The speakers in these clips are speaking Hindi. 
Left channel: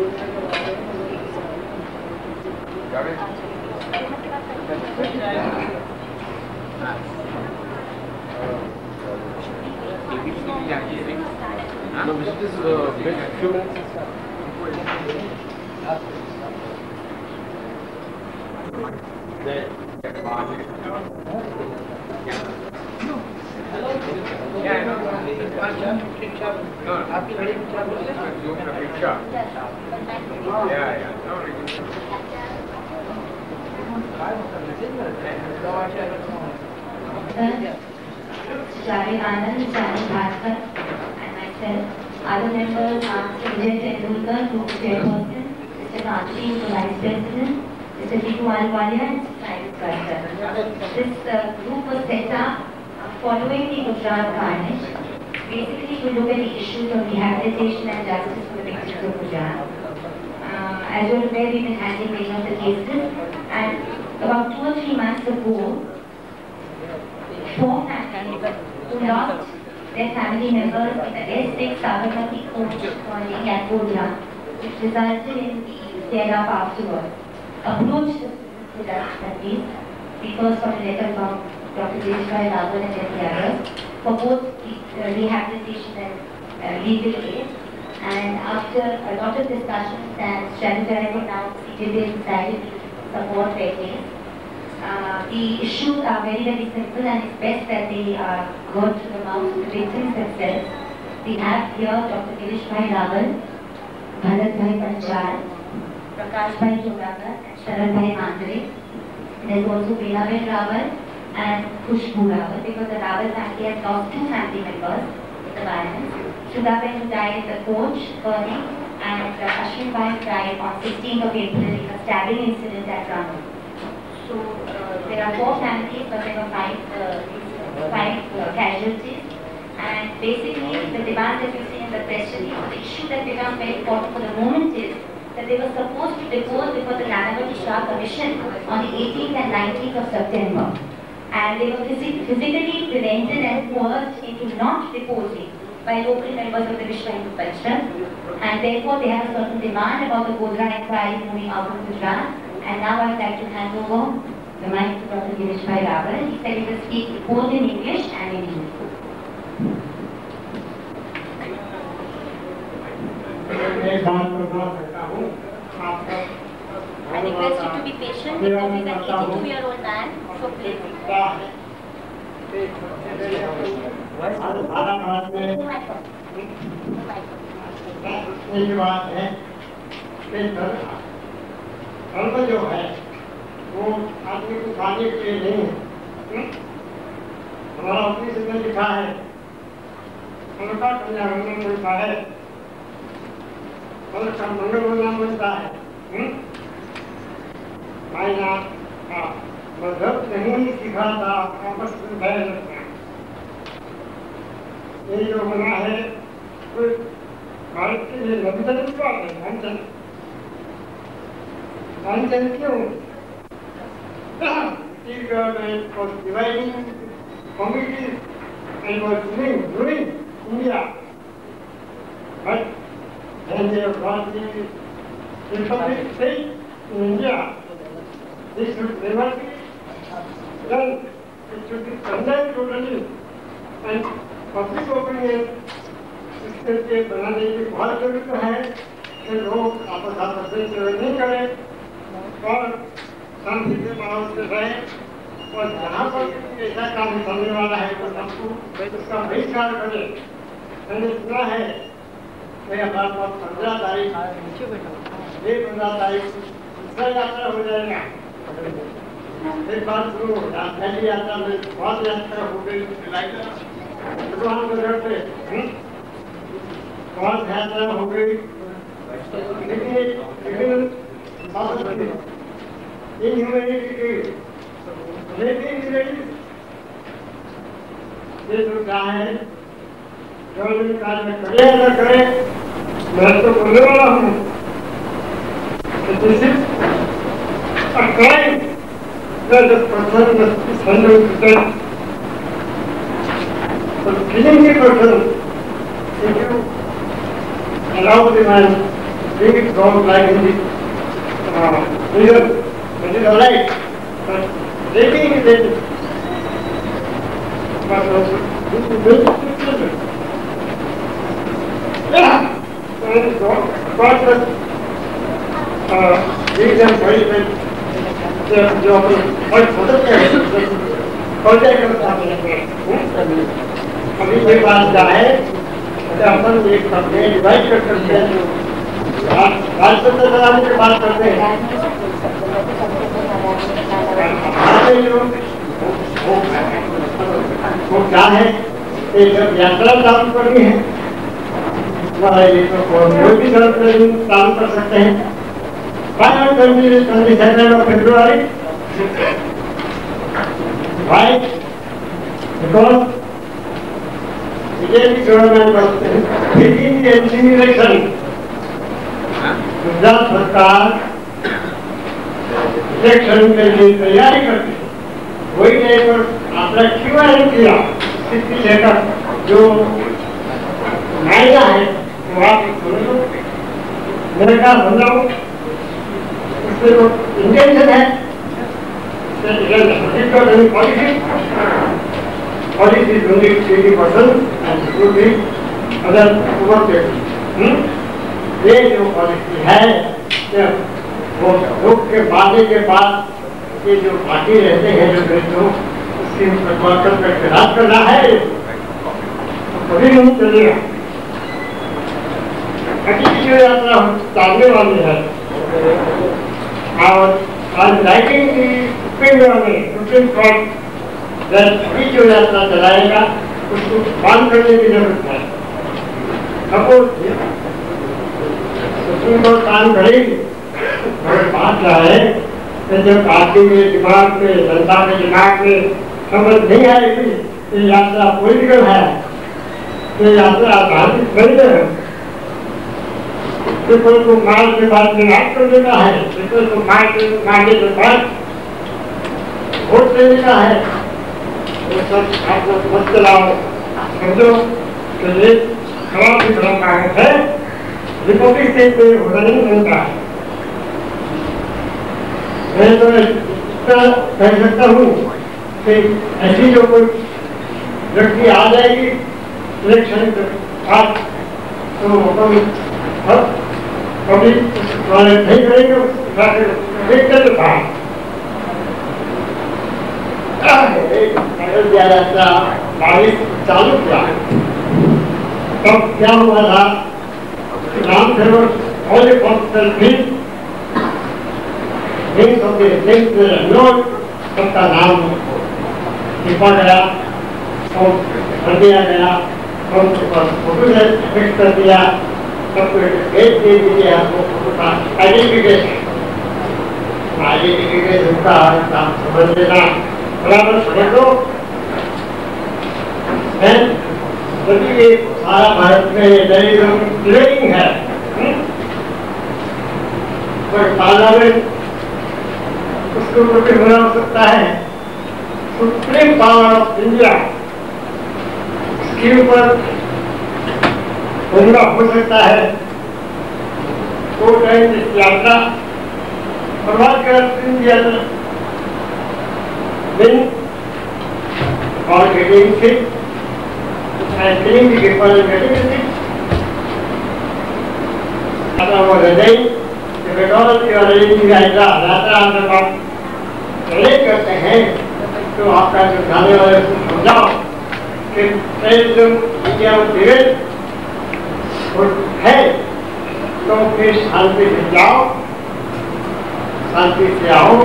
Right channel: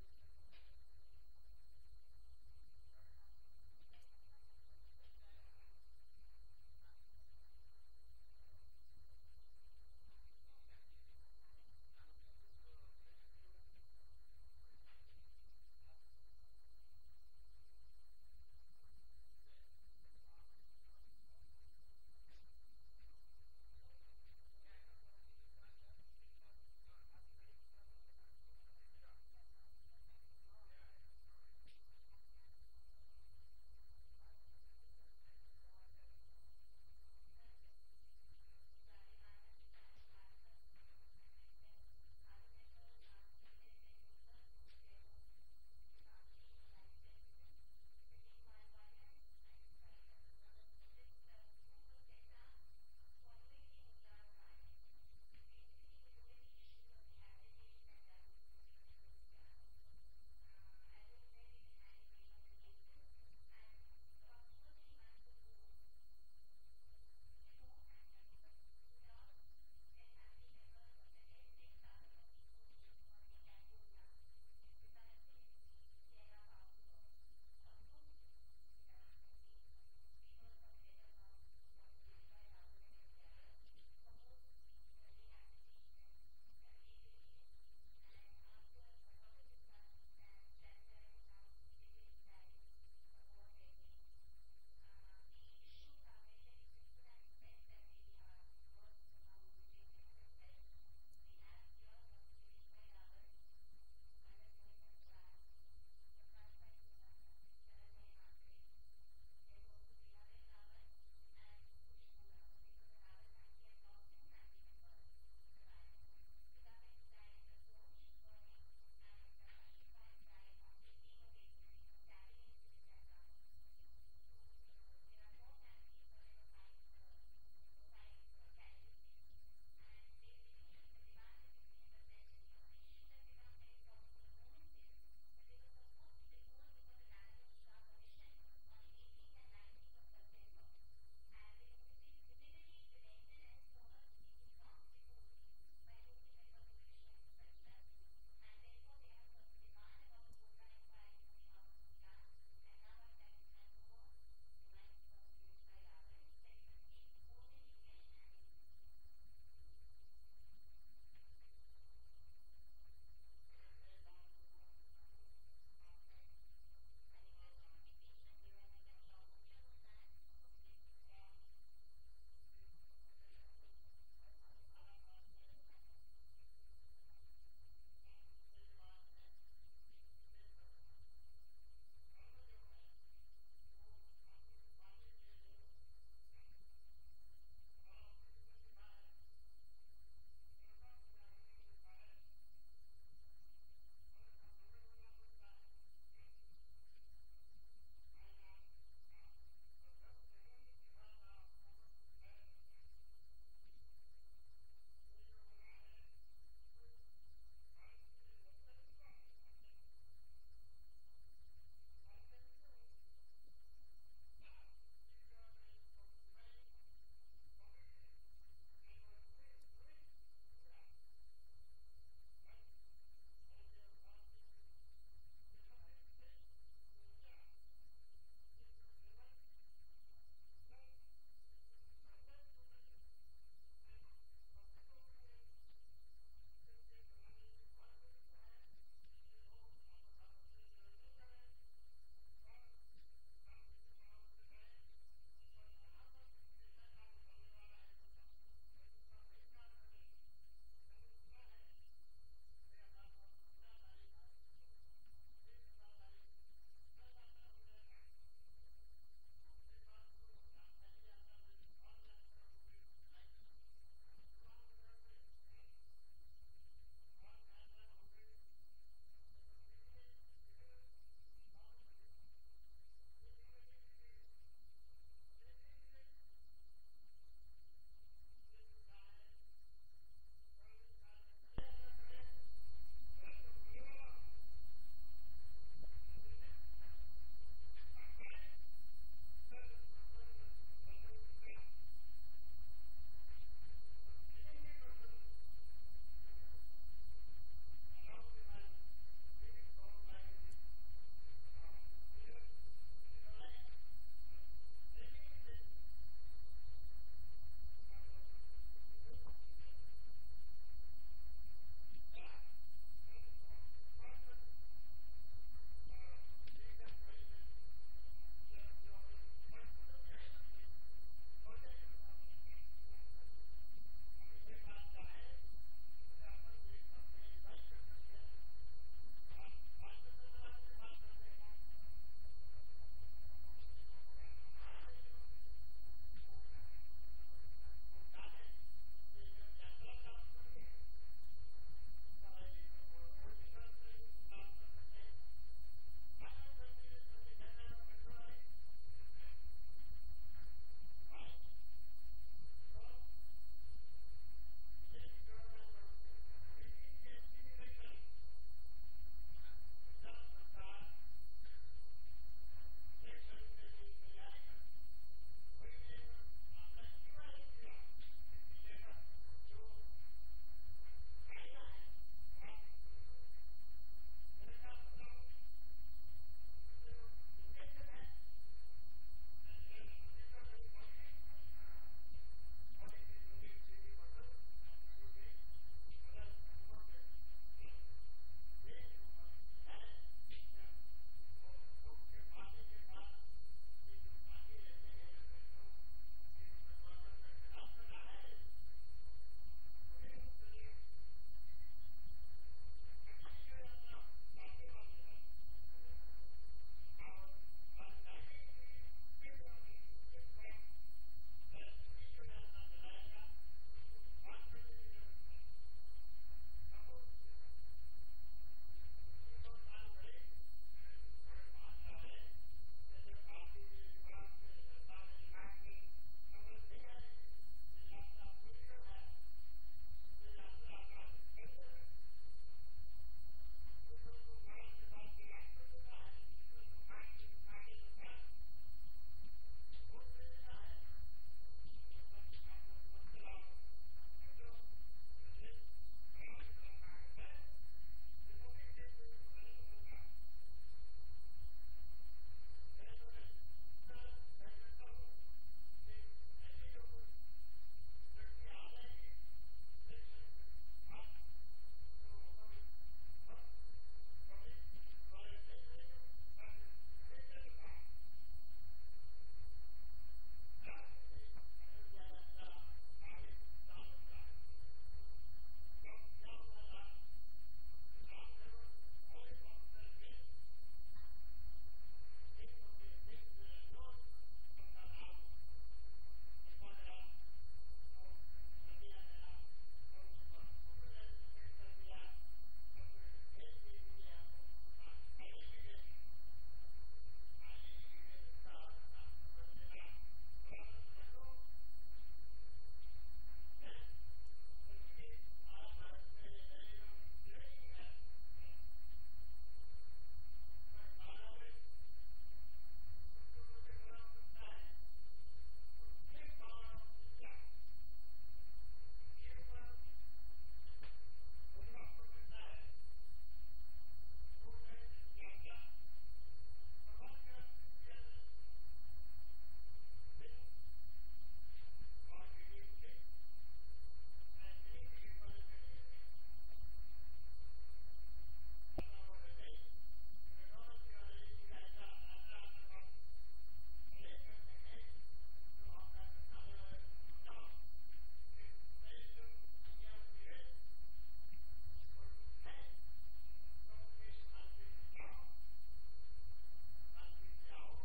No, this is big assurance. Javed Anand, Chani Bhaskar, and myself. Other members are Mr. Vijay Tendulkar, who is chairperson, Mr. Kanchi, who is vice president, Mr. Jitu Ahluwalia, and Mr. Cyrus Garza. This group was set up following the Gujarat carnage. Basically, to look at the issues of rehabilitation and justice for the victims of Gujarat. As you're aware, we've been handling many of the cases, and about 2 or 3 months ago, 4 families who lost their family members in the S6 Sabarmati coach colony at Godhra, which resulted in the tear-up afterwards, approached the Gujarat authorities, because of a letter from Dr. Dileshbhai Rawal and the others, for both rehabilitation and legal aid. And after a lot of discussions and strategizing, now CJB decided to support their case. The issues are very, very simple, and it's best that they are heard to the mouth of the victims themselves. We have here Dr. Dileshbhai Rawal, Bharatbhai Panchal, Prakashbhai Jodagar, and Sharadbhai Mandre. There's also Belaben Rawal and Khushbu Rawal, because the Rawal family has lost 2 family members in the violence. Shudaben, who died in the coach burning, and Ashwin Bhai died on 16th of April in a stabbing incident at Ramu. So there are 4 families, but there were 5 casualties. And basically, the demand that you see in the press release, the issue that becomes very important for the moment is that they were supposed to depose before the Nanavati Shah Commission on the 18th and 19th of September. And they were physically prevented and coerced into not deposing by local members of the Vishwa Hindu Parishad. And therefore, they have a certain demand about the Godhra inquiry moving out of Gujarat. And now I'd like to hand over the mic to Dr. Dileshbhai Rawal. He said he will speak both in English and in Hindi. I request you to be patient because he's an 82-year-old man, so please. एक बात है कि धर्म जो है वो आदमी को खाने के लिए नहीं है। हमारा अपनी से लिखा है, उनका कल्याण मिलता है, उनका मंगल मिलता है। मायना मजहब नहीं सिखाता आपस में बैर रखना। ये जो बना है कोई भारत के लिए लंदन की बात है। लंदन क्यों? He was dividing communities and was ruining India. But when they have got the Republic state in India, this should never be done. It should be condemned totally. And public opinion इसके बनाने की बहुत जरूरत है कि लोग आपस में नहीं करें और शांति से माहौल से रहें। और जहाँ पर ऐसा काम करने वाला है तो सबको उसका बहिष्कार करें। मैंने सुना है कि हमारे पास 15 तारीख 15 तारीख दूसरा यात्रा हो जाएगा। एक बार शुरू पहली यात्रा में बहुत यात्रा हो गई भगवान के घर पे बहुत यात्रा हो गई, लेकिन ये जो क्या है जो कार्य में करे या न करे, मैं तो बोलने वाला हूँ कि this is a crime that the person must be sentenced to death for killing a person if you allow the man bring it down like in this figure, it is alright. But rating is rating. But this is very different. Yeah. And God has given them very जो और फुटक के कॉन्टेक्ट करता है अभी कोई बात जाए तो अपन एक अपने डिवाइड कर सकते हैं बात करते चलाने की बात करते हैं वो क्या है कि जब यात्रा चालू करनी है कोई भी चालू कर सकते हैं 22nd of February. Why? Because BJP government was taking the election. Gujarat सरकार इलेक्शन के लिए तैयारी करती है वही टाइम पर आपने क्यों नहीं किया इसकी लेकर जो मायना है वो आप सुन लो मेरे का समझाऊं इंटेंशन है पॉलिसी 80% अदर ये जो पॉलिसी है वो लोग के बातें के बाद ये जो पार्टी रहते हैं जो देशों उसकी परिवर्तन करके राज करना है कभी नहीं चलेगा अगली जो यात्रा चालने वाली है और राइटिंग की सुप्रीम कोर्ट अभी जो यात्रा चलाएगा उसको बंद करने की जरूरत है सपोज सुप्रीम कोर्ट काम करेगी और बात क्या है कि जब पार्टी के दिमाग में जनता के दिमाग में समझ नहीं आएगी कि यात्रा पॉलिटिकल है कि यात्रा धार्मिक नहीं है पीपल को मार के बाद विनाश कर देना है पीपल को मारने के बाद वोट देने का है वो सब आप लोग मत चलाओ समझो कि ये खराब भी खराब है रिपोर्टिंग स्टेज पे होना नहीं मिलता है मैं तो इतना कह सकता हूँ कि ऐसी जो कोई व्यक्ति आ जाएगी इलेक्शन के बाद तो कभी वाले नहीं करेंगे देख कर बारिश चालू किया तब क्या हुआ था राम सेवक और सबका नाम लिखा गया और भर दिया गया और फोटो फिक्स कर दिया सबको डेट दे दीजिए आपको फोटो का आइडेंटिफिकेशन का काम समझ लेना बराबर समझ लो यदि ये सारा भारत में डिलेइंग है पर पार्लियामेंट उसके ऊपर भी होना हो सकता है सुप्रीम पावर ऑफ इंडिया इसके ऊपर होना हो सकता है वो टाइम इस यात्रा बर्बाद कर दिया दिन और गेटिंग से and killing the people and getting the things. After what they say, if at all you are reading the यात्रा हम जब आप रिलेट करते हैं तो आपका जो जाने वाले को समझाओ कि टेररिज्म इंडिया में धीरे है तो फिर शांति से जाओ शांति से आओ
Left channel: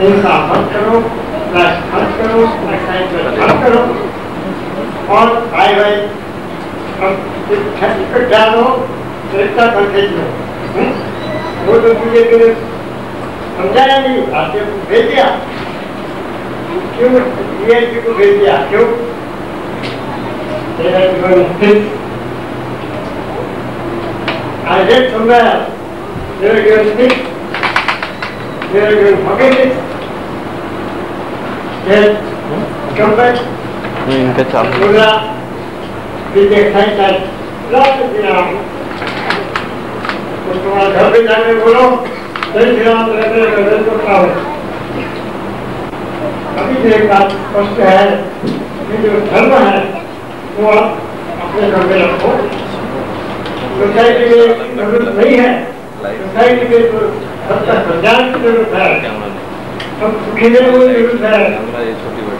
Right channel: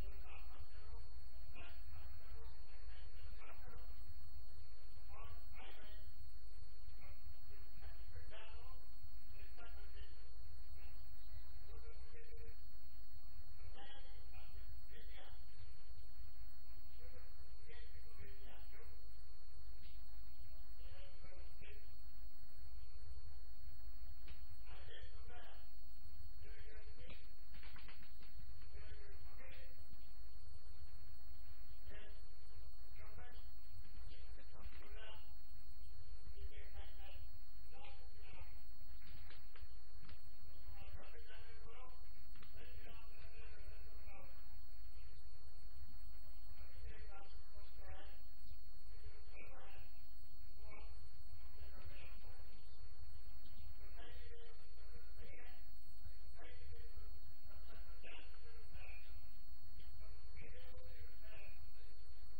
हिंसा मत करो फ्लैश मत करो मत करो और भाई भाई टिकट डालो रिश्ता कर भेज लो वो तो मुझे समझाया नहीं आपने भेज दिया क्यों DIG को भेज दिया क्यों I read somewhere they were given speech they were given forgiveness then come back इनका चालू पूरा विजय खाई लौट दिया तो तुम्हारे घर पे जाके बोलो जय श्री राम करता हूँ। अभी भी एक बात स्पष्ट है कि जो धर्म है वो आप अपने घर में रखो। सोसाइटी में जरूरत नहीं है, सोसाइटी में तो सबका कल्याण की जरूरत है, सब सुखी रहने की जरूरत है,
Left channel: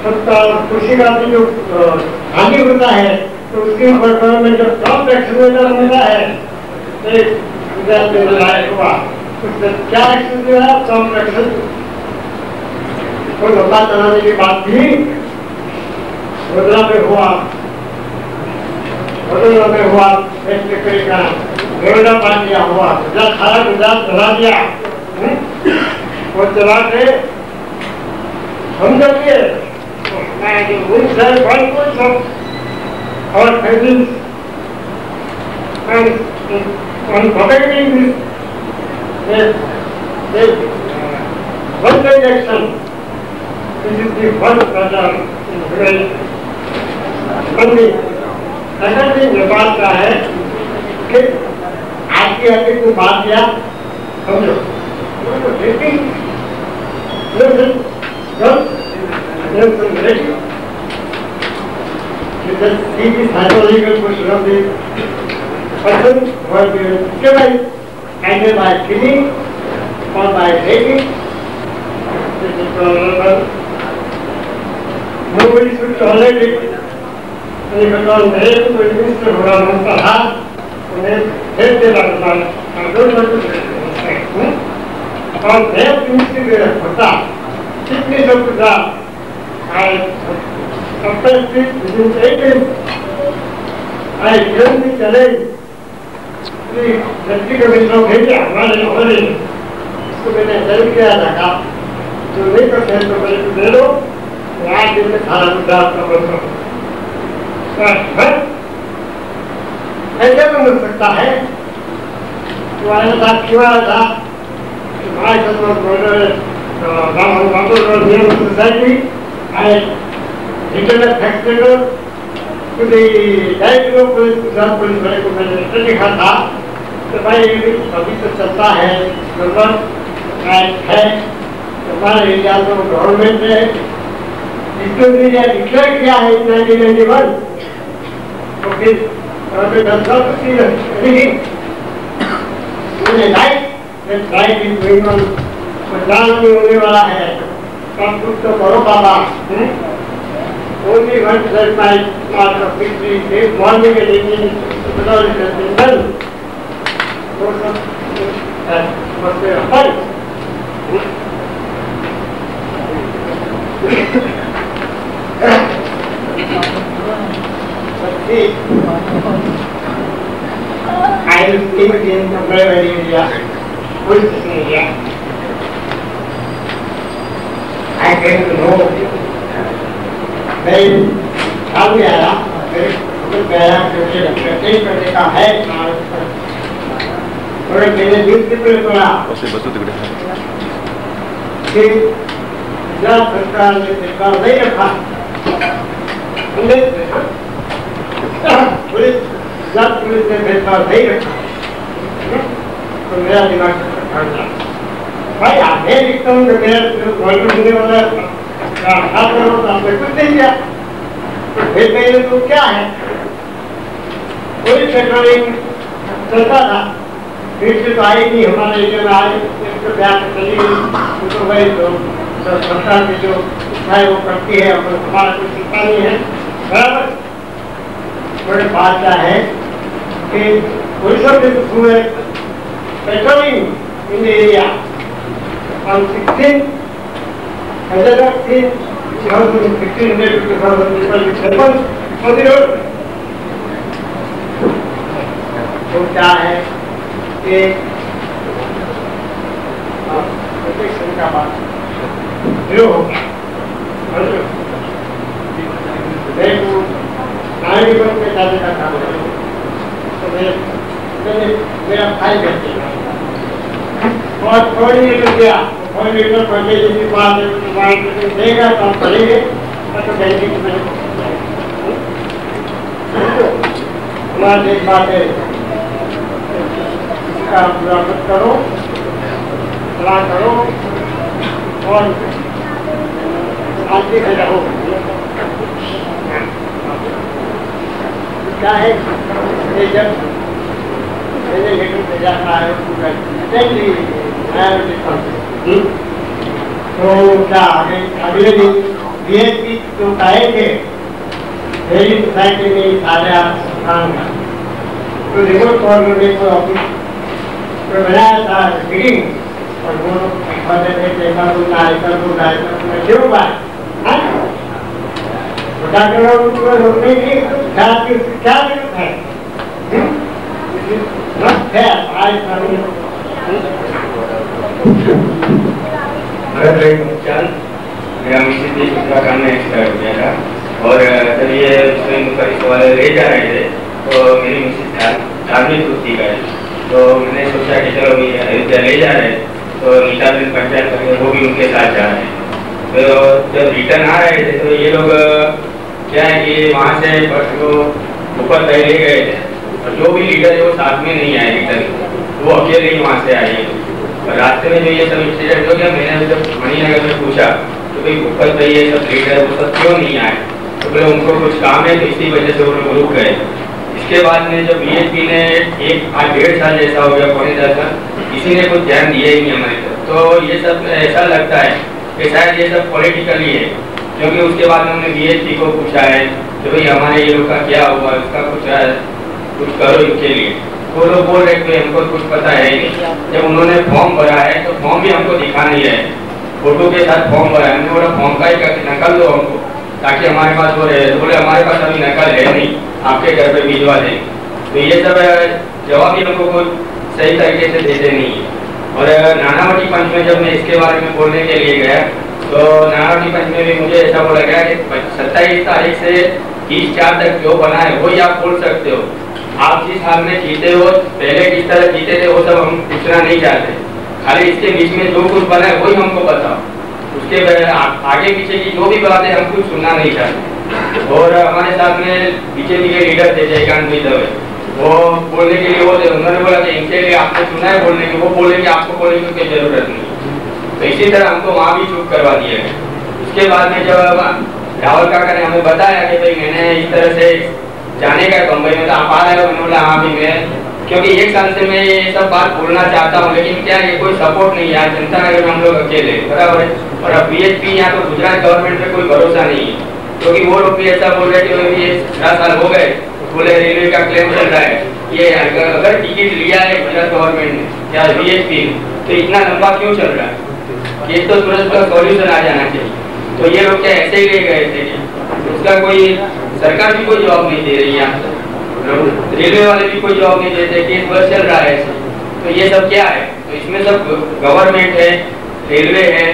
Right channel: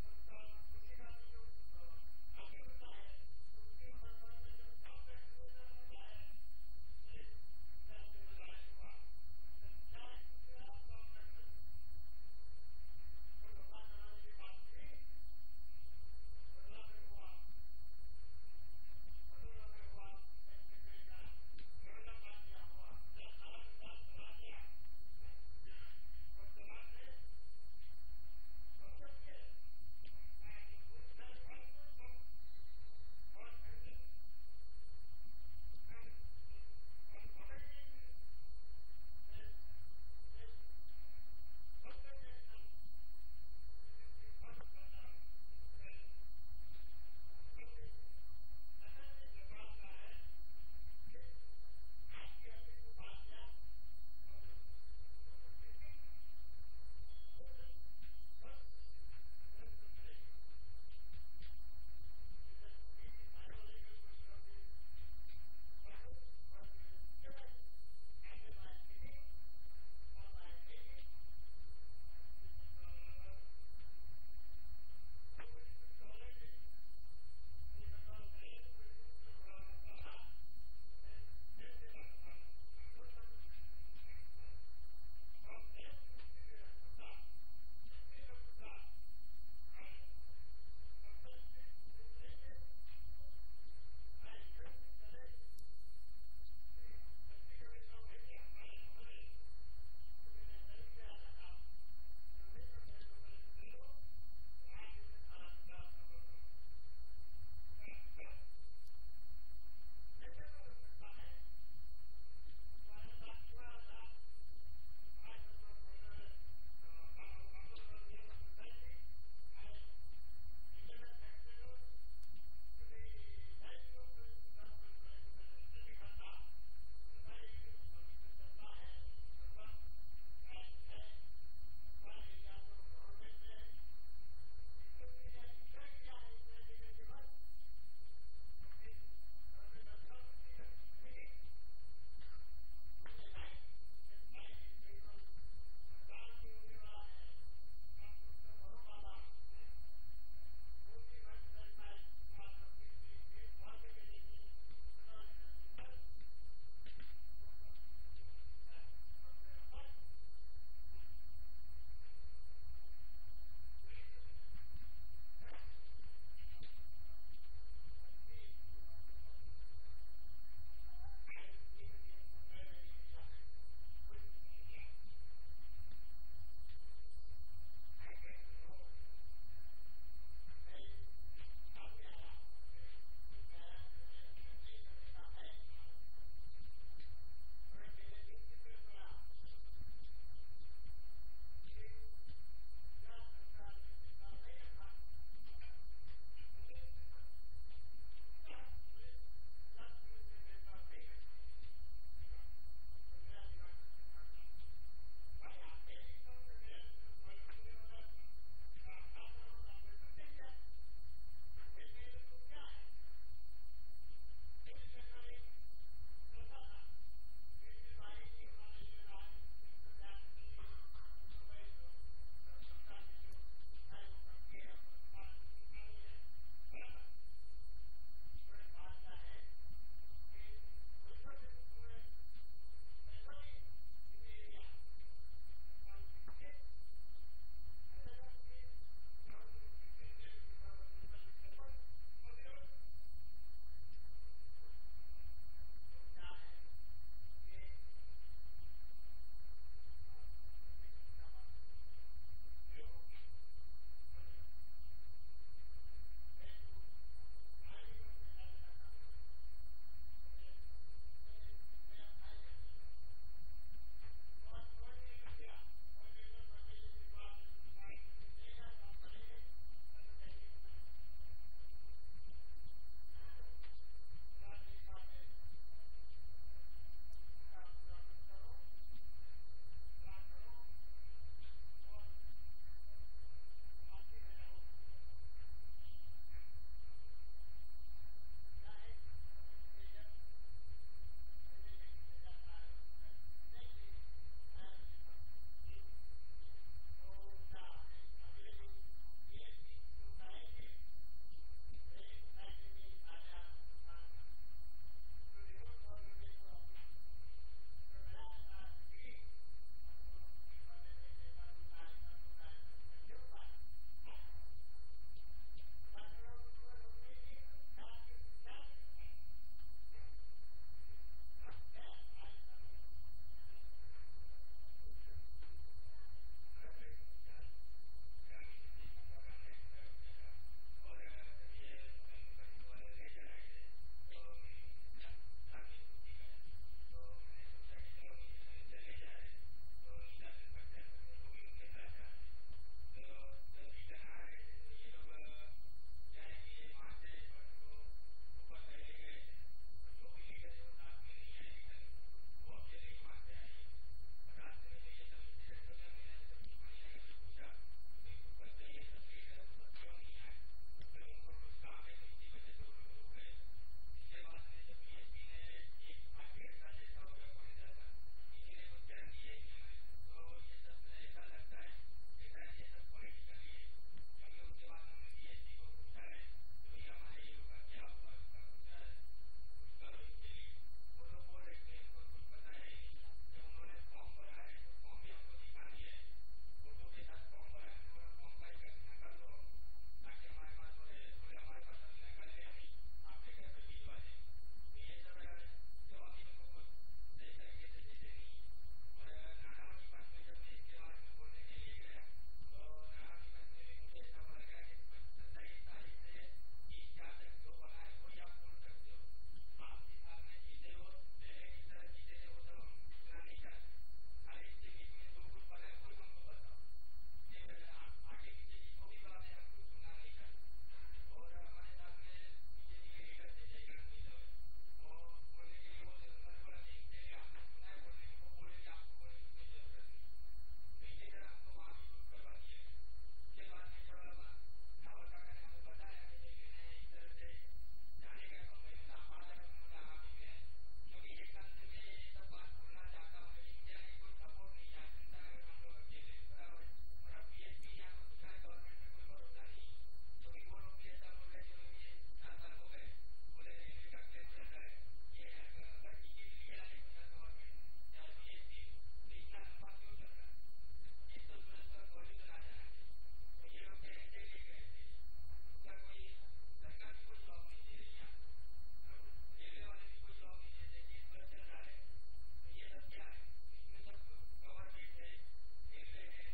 सबका खुशी का भी जो हानि होता है तो उसके ऊपर गवर्नमेंट जब टॉप एक्शन होता है हुआ उससे क्या एक्शन जो है टॉप एक्शन कोई लंबा चलाने की बात थी वडोदरा में हुआ, वडोदरा में हुआ का नोएडा पार्टिया हुआ, गुजरात सारा गुजरात चला दिया वो चला के हम जब ये और families and protecting this one direction. This is the first measure in humanity. second thing Nepal का है कि आगे आगे को बात किया समझो because he is psychological question of the person who has been killed either by killing or by raping. This is tolerable. Nobody should tolerate it. Because rape to administer honorable harm, rape the lifestyle. I don't want to say और rape administer होता sickness of the God. Sometimes within 8 days, I given the challenge the Deputy Commissioner of India, हमारे नौकरी, इसको मैंने हेल्प किया था जो नहीं कर सकते तो मेरे को दे दो, आज दिन में सारा मुद्दा आपका बंद करो। ऐसे बंद हो सकता है, तुम्हारे साथ क्यों आया था, हमारे साथ society, internet factory to the director of police, Gujarat police वाले को मैंने लेटर लिखा था तो भाई अभी तो चलता है नंबर है हमारे इंडिया में गवर्नमेंट ने इसको डिक्लेयर किया है 1991 तो फिर government right is going on मतदान भी होने वाला है सब कुछ तो करो बाबा only one said my part of victory this morning and evening because it has been done. That was their fight. But see, I will speak in the private area, police area. I came to know मैं ख्याल में आया मेरे गया प्रत्येक करने का है और मैंने न्यूज़पेपर पढ़ा कि गुजरात सरकार ने भेदभाव नहीं रखा पुलिस गुजरात पुलिस ने भेदभाव नहीं रखा तो मेरा दिमाग भाई आगे लिखता हूँ कि मेरा गवर्नमेंट होने वाला आपने कुछ नहीं किया तो फिर पहले तो क्या है कोई पेट्रोलिंग चलता था फिर से तो आई नहीं हमारे एरिया में आई इसको ब्याह चली गई तो भाई तो सरकार की जो इच्छा है वो करती है हमारा कुछ चिंता नहीं है बराबर बड़े बात क्या है कि पुलिस हुए patrolling in area on 16 1500 to 2000 people which happens on the road. तो क्या है कि प्रोटेक्शन का बात जीरो हो गया मैं को नागरिकों के साथ का काम करूँ तो मेरा भाई कहते हैं और कोऑर्डिनेटर गया कोऑर्डिनेटर पढ़ने की बात है तो बात देगा तो हम पढ़ेंगे तो कहेंगे कि मैंने हमारी एक बात है का पूरा मत करो, सलाह करो और शांति से रहो। क्या है ये जब मैंने लेटर भेजा था तो क्या अगले दिन बीएसपी जो आए थे मेरी सोसाइटी में सारे काम था तो रिमोट कोऑर्डिनेटर को ऑफिस तो बनाया था मीटिंग और वो बताते थे ऐसा क्यों बात डॉक्टर उनको रोकने की क्या जरूरत है मेरा मिसेज भी उत्तराखंड में एक्सपायर हो गया था और जब ये पुलिस वाले ले जा रहे थे तो मेरी मिसेज धार्मिक वृत्ति का है तो मैंने सोचा कि चलो अयोध्या ले जा रहे तो नीता दिन पंचायत करके वो भी उनके साथ जा रहे हैं। तो जब रिटर्न आ रहे थे तो ये लोग क्या है कि वहाँ से ऊपर तय ले गए थे और जो भी लीडर है वो साथ में नहीं आए रिटर्न, वो अकेले ही वहाँ से आए। और रास्ते में जो ये सब इंसिडेंट हो गया मैंने जब मणिनगर में पूछा तो भाई ऊपर पे ये सब लीडर वो सब क्यों नहीं आए तो बोले उनको कुछ काम है तो इसी वजह से वो लोग रुक गए। इसके बाद में जब बीएसपी ने 1-1.5 साल जैसा हो गया पौने 10 साल किसी ने कुछ ध्यान दिया ही नहीं हमारी तरफ। तो ये सब ऐसा लगता है कि शायद ये सब पॉलिटिकली है क्योंकि उसके बाद हमने बीएसपी को पूछा है कि भाई हमारे ये लोग का क्या हुआ उसका कुछ करो इनके लिए। वो लोग बोल रहे थे हमको कुछ पता है नहीं। जब उन्होंने फॉर्म भरा है तो फॉर्म भी हमको दिखा नहीं है, फोटो के साथ फॉर्म भरा है। हमने बोला फॉर्म का ही नकल दो हमको ताकि हमारे पास वो रहे। बोले हमारे पास अभी नकल है नहीं, आपके घर पे भिजवा देंगे। तो ये सब जवाब ही हमको कोई सही तरीके से देते नहीं है। और नानावटी पंच में जब मैं इसके बारे में बोलने के लिए गया तो नानावटी पंच में भी मुझे ऐसा बोला गया कि 27 तारीख से 30/4 तक जो बना है वही आप बोल सकते हो। आप जिस हाल में जीते हो पहले किस तरह जीते थे वो सब हम पूछना नहीं चाहते, खाली इसके बीच में जो कुछ बना है वही हमको बताओ। उसके आगे पीछे की जो भी बात है हम कुछ सुनना नहीं चाहते। और हमारे साथ में बीजेपी के लीडर थे जयकांत भाई दवे, वो बोलने के लिए वो थे। उन्होंने बोला कि इनके लिए आपने सुना है बोलने की, वो बोले कि आपको बोलने की कोई जरूरत नहीं। तो इसी तरह हमको वहाँ भी चुप करवा दिया गया। उसके बाद में जब रावल काका ने हमें बताया कि भाई मैंने इस तरह से जाने का बम्बई में तो आप आ रहे हो, मैंने बोला हाँ भी मैं क्योंकि 1 साल से मैं ये सब बात बोलना चाहता हूँ लेकिन क्या ये कोई सपोर्ट नहीं है। जनता नगर में हम लोग अकेले बराबर है और अब बीएसपी यहाँ तो गुजरात गवर्नमेंट पे कोई भरोसा नहीं है क्योंकि वो लोग भी ऐसा बोल रहे कि ये 4 साल हो गए, बोले रेलवे का क्लेम चल रहा है। ये अगर टिकट लिया है गुजरात गवर्नमेंट ने या बीएसपी तो इतना लंबा क्यों चल रहा है, ये तो तुरंत का सॉल्यूशन आ जाना चाहिए। तो ये लोग क्या ऐसे ही ले गए थे, उसका कोई सरकार भी कोई जवाब नहीं दे रही है, रेलवे वाले भी कोई जवाब नहीं देते, केस बस चल रहा है। तो ये सब क्या है, तो इसमें सब गवर्नमेंट है, रेलवे है,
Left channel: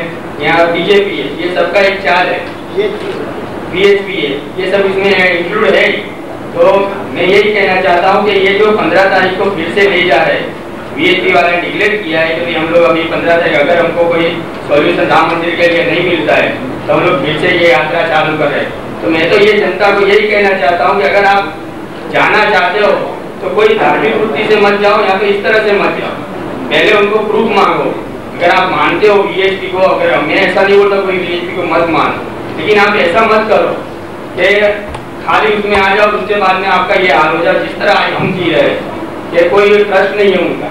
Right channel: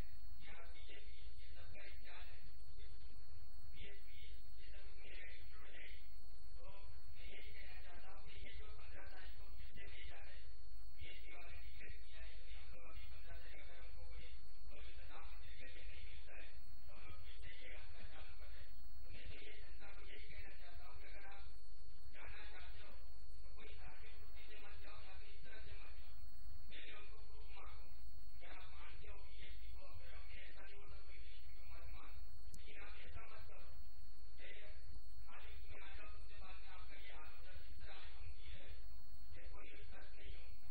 यहाँ बीजेपी है, ये सबका एक चाल है, बीएसपी है, ये सब इसमें इंक्लूड है। तो मैं यही कहना चाहता हूँ कि ये जो 15 तारीख को फिर से ले जा रहे हैं, बीएसपी वाले ने डिक्लेयर किया है कि हम लोग अभी 15 तारीख अगर हमको कोई सॉल्यूशन राम मंदिर के लिए नहीं मिलता है तो हम लोग फिर से ये यात्रा चालू कर रहे हैं। तो मैं तो ये जनता को यही कहना चाहता हूँ कि अगर आप जाना चाहते हो तो कोई धार्मिक वृत्ति से मत जाओ या तो इस तरह से मत जाओ, पहले उनको प्रूफ मांगो। अगर आप मानते हो बीएसपी को, अगर मैं ऐसा नहीं बोलता कोई बीएसपी को मत मानो, लेकिन आप ऐसा मत करो कि खाली उसमें आ जाओ उसके बाद में आपका ये हाल हो जाए जिस तरह हम जी रहे हैं, कि कोई ट्रस्ट नहीं है उनका।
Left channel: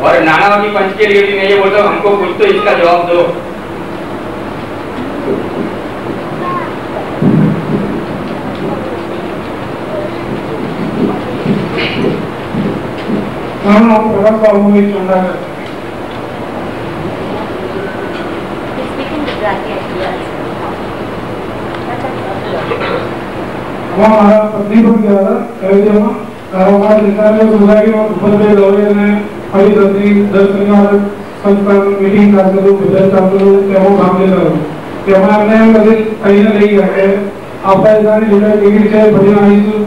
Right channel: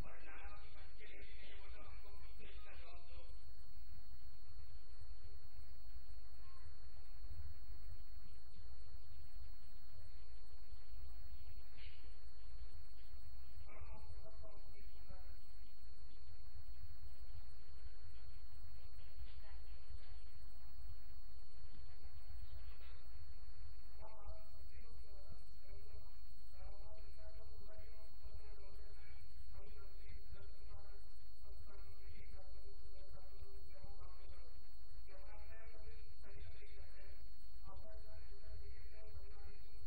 और नानावती पंच के लिए भी मैं ये बोलता हूँ हमको कुछ तो इसका जवाब दो। हमारा पत्नी बन गया था अयोध्या कारोबार सरकार ने सोचा कि ऊपर पे लोग ने हरी दर्दी 10 शनिवार संस्थान मीटिंग कर दो विजय कर दो क्या वो काम ले रहा कि हमारे कभी कहीं ना नहीं है आपका इधर लीडर टिकट से बढ़िया आई तो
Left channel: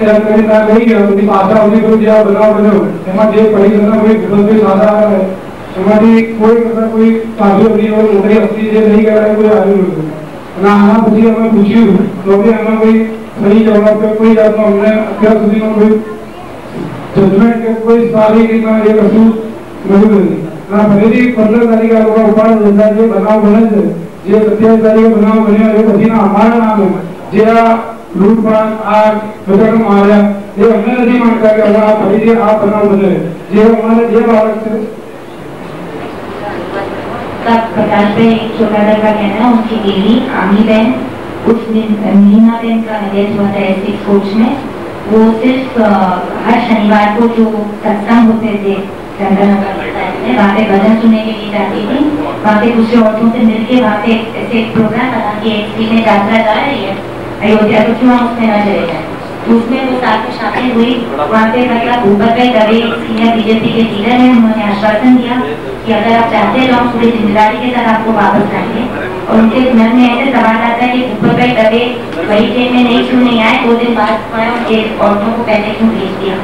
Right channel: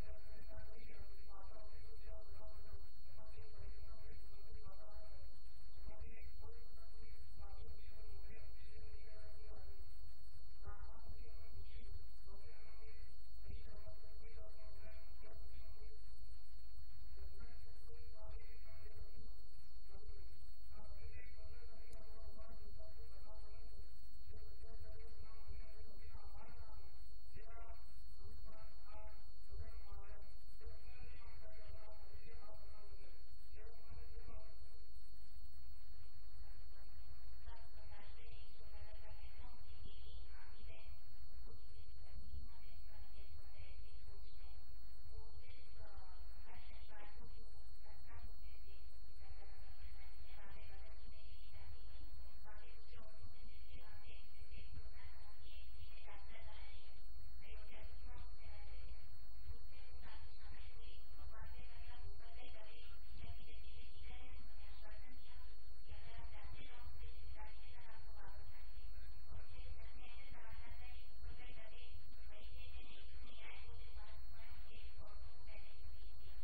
क्या कहीं ना नहीं है अपनी भाषा उसी को दिया बनाओ हमारे जे पढ़ी करना कोई गूगल पे साधा है हमारी कोई मतलब कोई काफी अपनी और नौकरी अपनी जे नहीं कर रहा है कोई आदमी ना आना पूछी हमें पूछी तो भी हमें कोई सही जवाब पे कोई जाता हमने અત્યાર સુધીમાં કોઈ જજમેન્ટ કે કોઈ સારી રીતના એ વસ્તુ મળ્યું નથી. આ ફરીથી 15 તારીખે આ લોકો ઉપાડ લીધા જે બનાવ બને છે, જે 27 તારીખે બનાવ બન્યો એ પછીના અમારા નામે જે આ લૂંટફાટ આગ બધાને માર્યા એ અમને નથી માનતા કે હવે આ ફરીથી આ બનાવ બને. જે અમારે જે બાળક છે प्रकाश भाई छोटादर का कहना है उनकी देवी आमी बहन उस दिन मीना बहन का डेथ हुआ था एस कोच में. वो सिर्फ हर शनिवार को जो सत्संग होते थे वहाँ पे भजन सुनने के लिए जाती थी. वहाँ पे दूसरे औरतों से मिलके वहाँ पे ऐसे एक प्रोग्राम बना कि एक स्त्री में यात्रा जा रही है अयोध्या तो क्यों हम उसमें न चले जाए. तो उसमें वो साथ में शामिल हुई. वहाँ पे मतलब भूपत भाई दवे सीनियर बीजेपी के लीडर हैं. उन्होंने आश्वासन दिया कि अगर आप चाहते हैं तो हम पूरी जिम्मेदारी के साथ आपको वापस लाएंगे. और उनके मन में ऐसे सवाल आता है कि भूपत भाई दवे वही ट्रेन में नहीं क्यों नहीं आए. 2 दिन बाद उनके औरतों को पहले क्यों भेज दिया.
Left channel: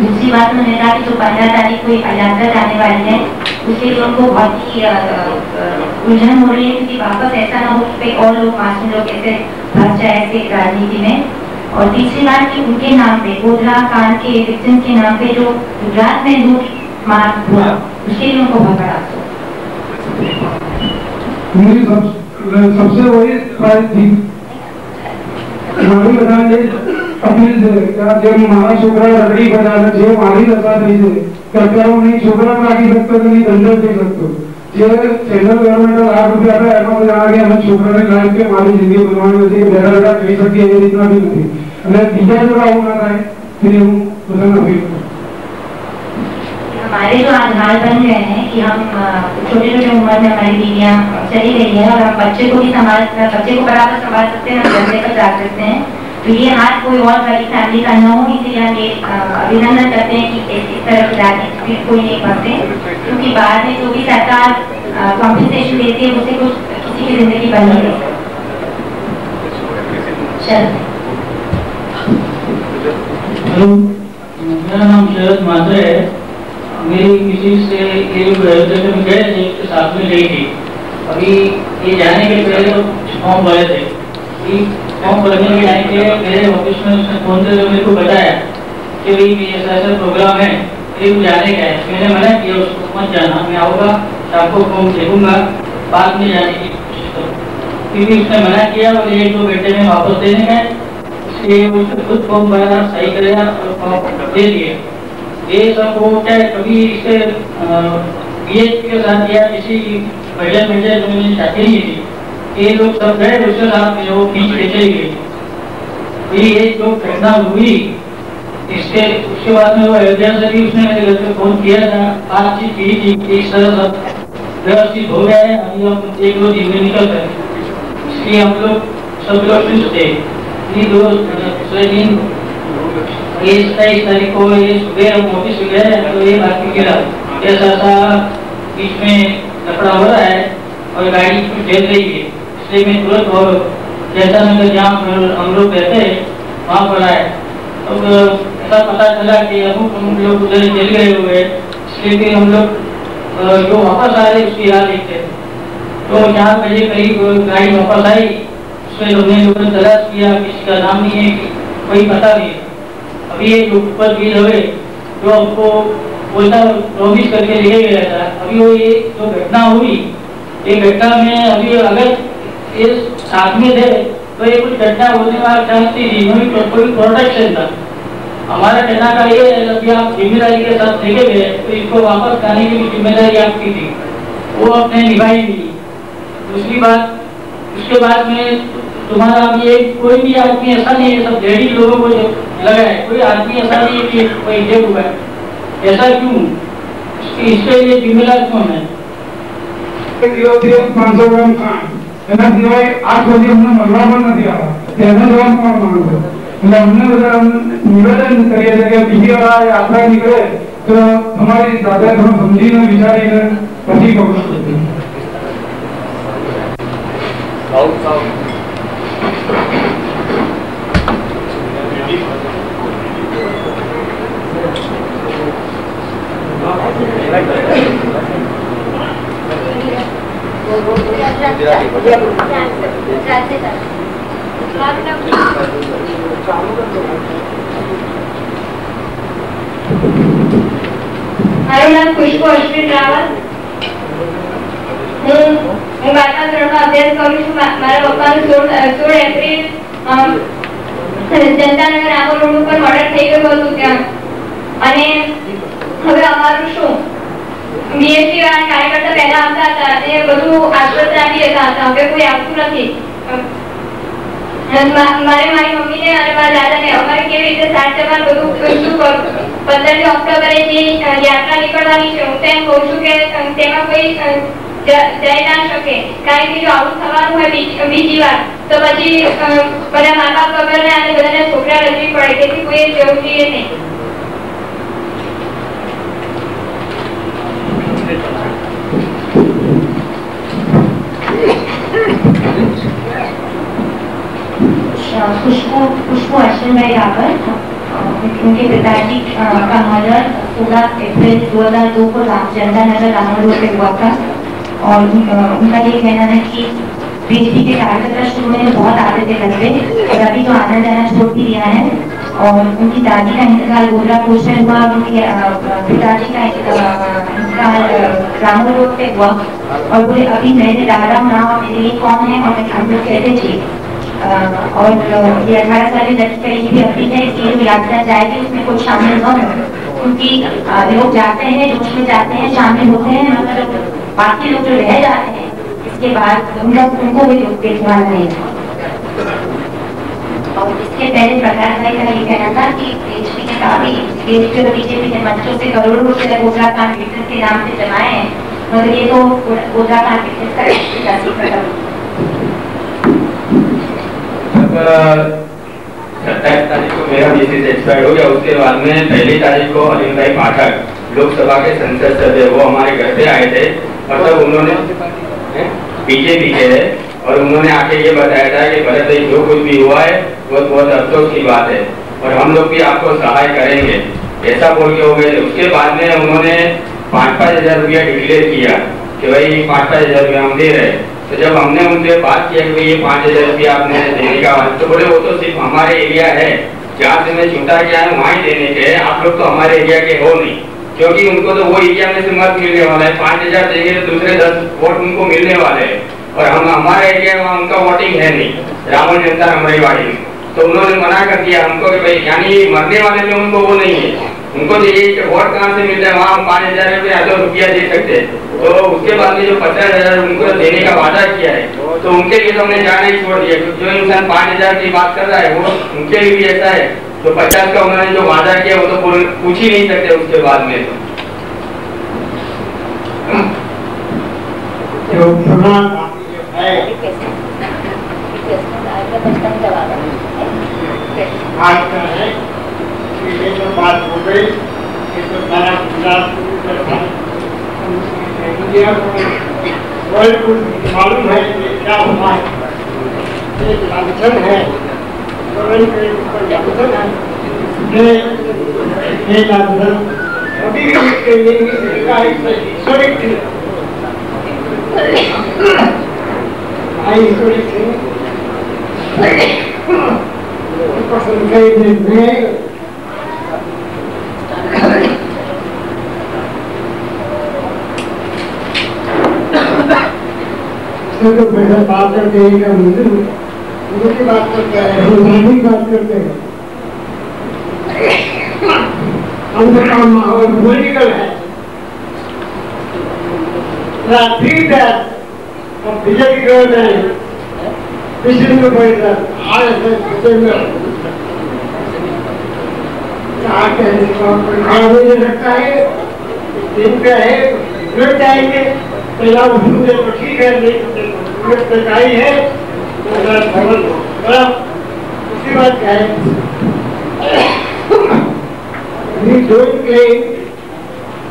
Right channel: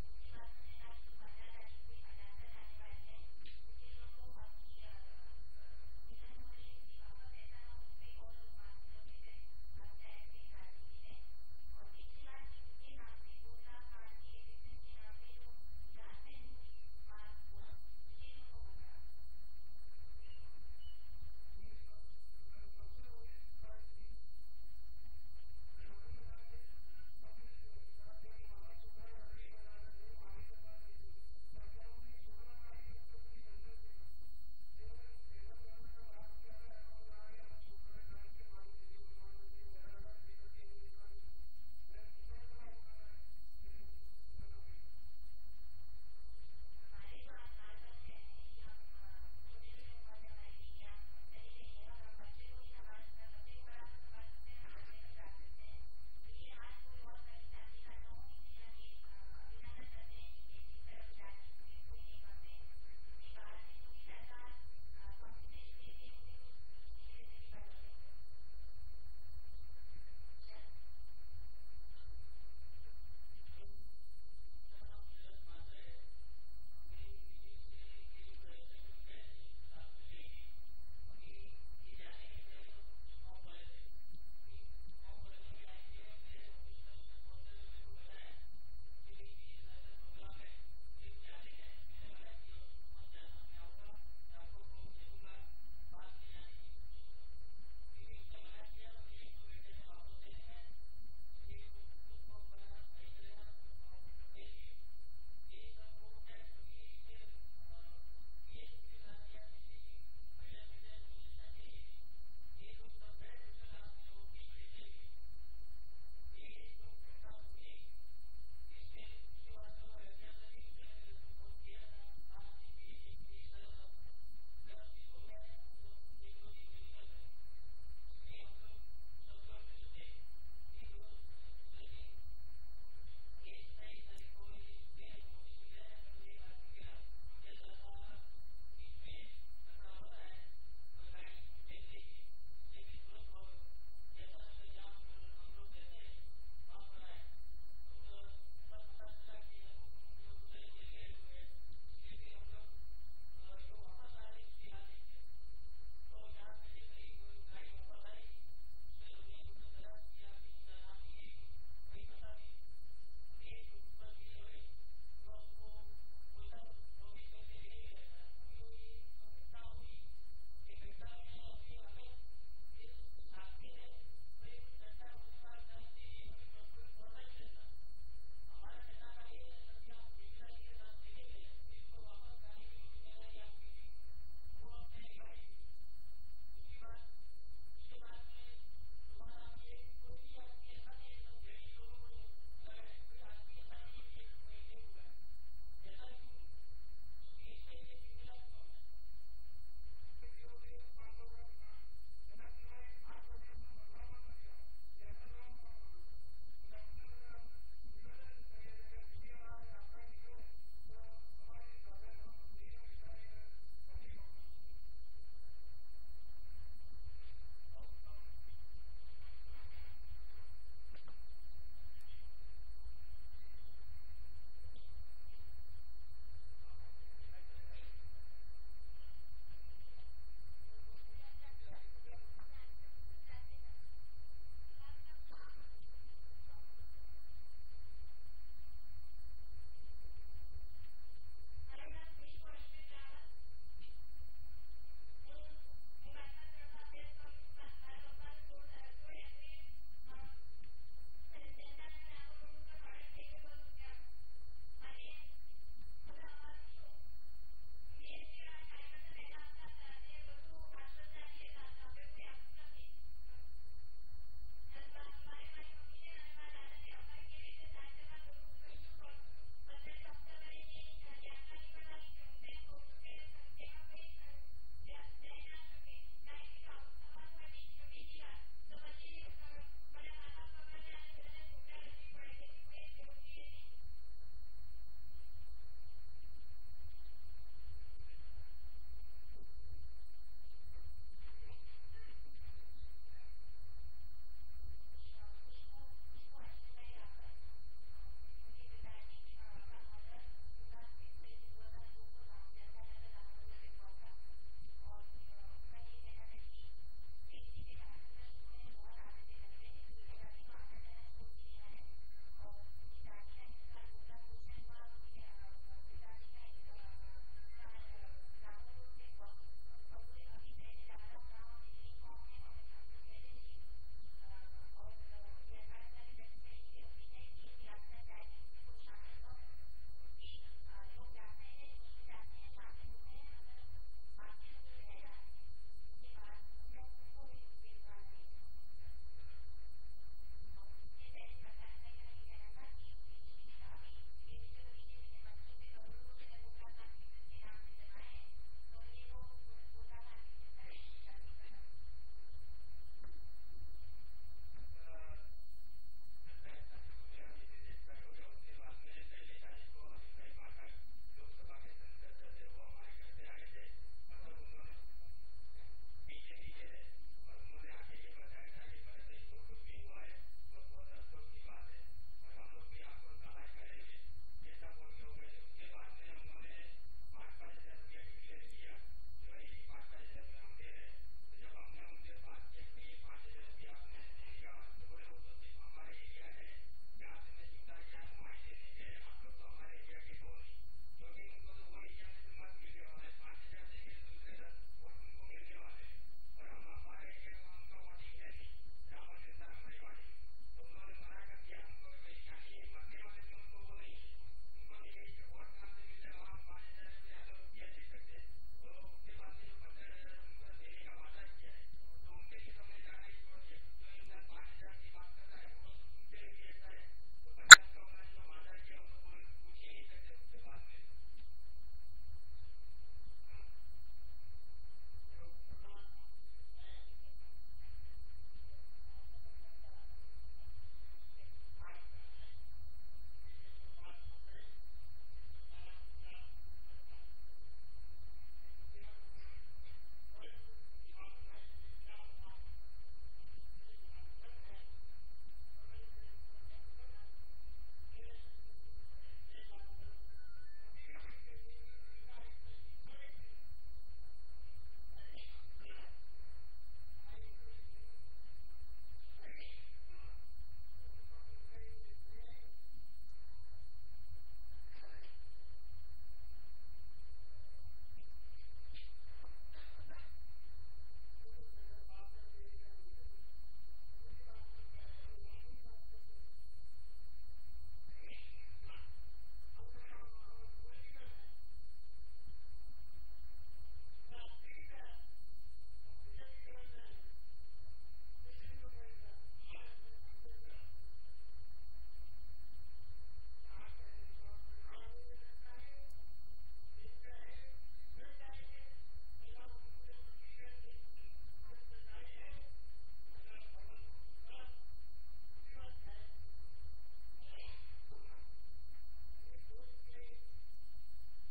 दूसरी बात उन्होंने कहा कि जो 15 तारीख को यात्रा जाने वाली है उसके लिए उनको बहुत ही उलझन हो रही है क्योंकि वापस ऐसा ना हो कि और लोग मासूम लोग ऐसे भग जाए ऐसे राजनीति में. और तीसरी बात कि उनके नाम पे गोधरा कांड के विक्टिम के नाम पे जो गुजरात में लूट मार हुआ उसके लिए उनको बहुत बड़ा मेरी सबसे वही थी મારી બધાને અપીલ છે કે જે મારા છોકરા રગડી બજાવે જે મારી દશા થઈ છે કે અત્યારે હું નહીં છોકરા રાખી શકતો કે નહીં ધંધો થઈ શકતો. જે સેન્ટ્રલ ગવર્મેન્ટે ₹1,00,000 આપ્યા એમાં જણા કે અમે છોકરાને લાઈફ કે મારી જિંદગી બનવાની નથી બેઠા બેઠા કહી શકીએ એ રીતના બી નથી. અને બીજા જોડે આવું ના થાય તે હું બધાને અપીલ કરું. हमारे जो आधार बन गए हैं कि हम छोटे छोटे उम्र में हमारी बीवियाँ चली गई है और हम बच्चे को भी बच्चे को बराबर संभाल सकते हैं, हम धंधे पर जा सकते हैं. तो ये हाथ कोई और बड़ी फैमिली का न हो. इसीलिए हम ये अभिनंदन करते हैं कि इस तरह की राजनीति कोई नहीं करते क्योंकि बाद में जो भी सरकार कॉम्पनसेशन देती है उससे कुछ किसी की जिंदगी बन नहीं रही. मेरा नाम शरद मात्रे है. मेरी किसी से ये लोग अयोध्या में गए थे उसके साथ में गई थी. अभी ये जाने के पहले तो फॉर्म भरे थे. फॉर्म भरने के टाइम पे मेरे ऑफिस में उसने फोन से मेरे को बताया कि भाई ऐसा ऐसा प्रोग्राम है ये जाने का है. मैंने मना किया उसको मत जाना, मैं आऊँगा शाम को फॉर्म देखूंगा बाद में जाने की कोशिश करूँ क्योंकि उसने मना किया और 1-2 घंटे में वापस देने का है. इसलिए उसने खुद फॉर्म भरा सही करेगा और फॉर्म दे दिए. ये सब वो क्या कभी इससे बीएचपी के साथ या किसी महिला जो मैंने चाहती नहीं थी ये लोग सब गए उसके साथ में वो बीच ले चली गई. ये जो घटना हुई इसके उसके बाद में वो अयोध्या से भी उसने मेरे घर पे फोन किया था, बातचीत की थी इस तरह सब व्यवस्थित हो गया है. अभी हम 1-2 दिन में निकल गए. इसलिए हम लोग सब लोग खुश थे. ये 2 दिन ये 27 तारीख को ये सुबह हम ऑफिस में गए तो ये बात भी गिरा ऐसा ऐसा बीच में लफड़ा हो रहा है और गाड़ी कुछ झेल रही है. इसलिए मैं तुरंत और जैसा नगर जहाँ हम लोग रहते हैं वहाँ पर आए तो ऐसा पता चला कि हम लोग उधर जल गए हुए. इसलिए भी हम लोग जो वापस आ रहे उसकी राह देखते तो 4 बजे करीब गाड़ी वापस आई. उसमें हमने लोगों ने तलाश किया, किसी का नाम नहीं है, कोई पता नहीं. अभी ये जो ऊपर भी रहे जो हमको बोलता प्रॉमिस करके लेके गया था. अभी वो ये जो घटना हुई ये घटना में अभी अगर ये साथ में थे तो ये कुछ घटना होने वाला चांस नहीं. कोई प्रोटेक्शन था. हमारा कहना का ये है अभी आप जिम्मेदारी के साथ लेके गए तो इसको वापस लाने की भी जिम्मेदारी आपकी थी, वो आपने निभाई नहीं. दूसरी बात उसके बाद में तुम्हारा अभी एक कोई भी आदमी ऐसा नहीं है, सब लेडीज लोगों को लगा है, कोई आदमी ऐसा नहीं है कि कोई जेब हुआ है. ऐसा क्यों? इसके लिए जिम्मेदार क्यों है? 500 ગ્રામ ખાંડ એના સિવાય 8 સુધી અમને મળવા પણ નથી આવ્યા. તેનો જવાબ કોણ માંગશે? એટલે અમને બધા નિવેદન કરીએ છીએ કે બીજી વાર આ યાત્રા નીકળે તો તમારી સાથે થોડું સમજીને વિચારીને પછી પગલું લેજો. મારું નામ ખુશ્બુ અશ્વિન રાવલ. હું 12મા ધોરણમાં અભ્યાસ કરું છું. મારા પપ્પાનું 16 એપ્રિલ જનતાનગર રામો રોડ ઉપર મર્ડર થઈ ગયું હતું ત્યાં. અને હવે અમારું શું બીએસસી વાળા કાર્યકર્તા પહેલા આવતા હતા અને બધું આશ્વાસન આપી દેતા હતા. હવે કોઈ આવતું નથી. મારે મારી મમ્મીને અને મારા દાદાને અમારે કેવી રીતે સાથ જવાનું બધું શું કરું. 15મી ઓક્ટોબરે જે યાત્રા નીકળવાની છે હું તો એમ કહું છું કે તેમાં કોઈ જઈ ના શકે. કારણ કે જો આવું થવાનું હોય બીજી વાર તો પછી બધા મા બાપ વગરને અને બધાને છોકરા રચવી પડે. તેથી કોઈ જવું જોઈએ નહીં. खुशबू अश्विन भाई रावल. उनके पिताजी का मर्डर 16 अप्रैल 2002 को जनतानगर रामो रोड पे हुआ था. और उनका ये कहना है कि बीजेपी के कार्यकर्ता शुरू में बहुत आते थे घर पे और अभी तो आना जाना छोड़ भी दिया है. और उनकी दादी का इंतकाल गोधरा कोच में हुआ. उनके पिताजी का इंतकाल रामो रोड पे हुआ. और वो अभी मेरे दादा ना मेरे लिए कौन है और हम लोग कहते थे. और ये 18 साल की लड़की का ये भी अपील है कि जो यात्रा जाएगी उसमें कोई शामिल न हो. क्योंकि लोग जाते हैं जोश में जाते हैं शामिल होते हैं मगर बाकी लोग जो रह जाते हैं इसके बाद उनको भी दुख देखना नहीं. और इसके पहले प्रकाश भाई का ये कहना था कि बीजेपी के काफी बीजेपी के मंचों से करोड़ों रुपए गोधरा कांड विकसित के नाम से जमाए हैं मगर ये तो गोधरा कांड विकसित का 27 तारीख को मेरा मिसेज एक्सपायर हो गया. उसके बाद में 1 तारीख को अलीम भाई पाठक लोकसभा के संसद सभ्य वो हमारे घर पे आए थे. मतलब उन्होंने बीजेपी के है और उन्होंने आके ये बताया था कि भरत भाई जो कुछ भी हुआ है वो बहुत अफसोस की बात है और हम लोग भी आपको सहाय करेंगे ऐसा बोल के हो गए. उसके बाद में उन्होंने 5-5 हजार रुपया डिक्लेयर किया कि भाई 5-5 हजार रुपया हम दे रहे. तो जब हमने उनसे बात किया कि ये 5 हजार रुपया आपने देने का तो बोले वो तो सिर्फ हमारे एरिया है जहाँ से मैं छूटा गया है वहाँ ही देने के. आप लोग तो हमारे एरिया के हो नहीं क्योंकि उनको तो वो एरिया में से मत मिलने वाला है. 5 हजार देंगे तो दूसरे 10 वोट उनको मिलने वाले हैं और हम हमारे एरिया में उनका वोटिंग है नहीं रावण जनता रमरेवाड़ी में. तो उन्होंने मना कर दिया हमको कि भाई यानी मरने वाले में उनको वो नहीं है. उनको चाहिए कि वोट कहाँ से मिल रहा है वहाँ हम 5 हजार रुपया दे सकते हैं. तो उसके बाद में जो 50 हजार उनको देने का वादा किया है तो उनके लिए तो हमने जाना ही छोड़ दिया. जो इंसान 5 हजार की बात कर रहा है वो उनके लिए भी ऐसा है. तो 50 का उन्होंने जो वादा किया वो तो पूछ ही नहीं सकते उसके बाद में. जो प्रमाण है आज का है कि ये जो बात हो गई ये तो सारा इंडिया को वर्ल्ड को मालूम है कि क्या हुआ है. एक लांछन है गवर्नमेंट के ऊपर लांछन है. ये लांछन अभी भी इसके लिए हिस्टोरिक थी. हिस्टोरिक थी पसंद कई दिन में तो बेहतर बात करते हैं क्या मुझे उनकी बात करते हैं उनकी बात करते हैं. हमको काम माहौल पॉलिटिकल है. बीजेपी गवर्नमेंट पिछले में बैठा आज नहीं रखता है दिन पे है लग जाएंगे. पहला मुझे तो ठीक है नहीं सरकारी है उसकी बात क्या है. We don't claim,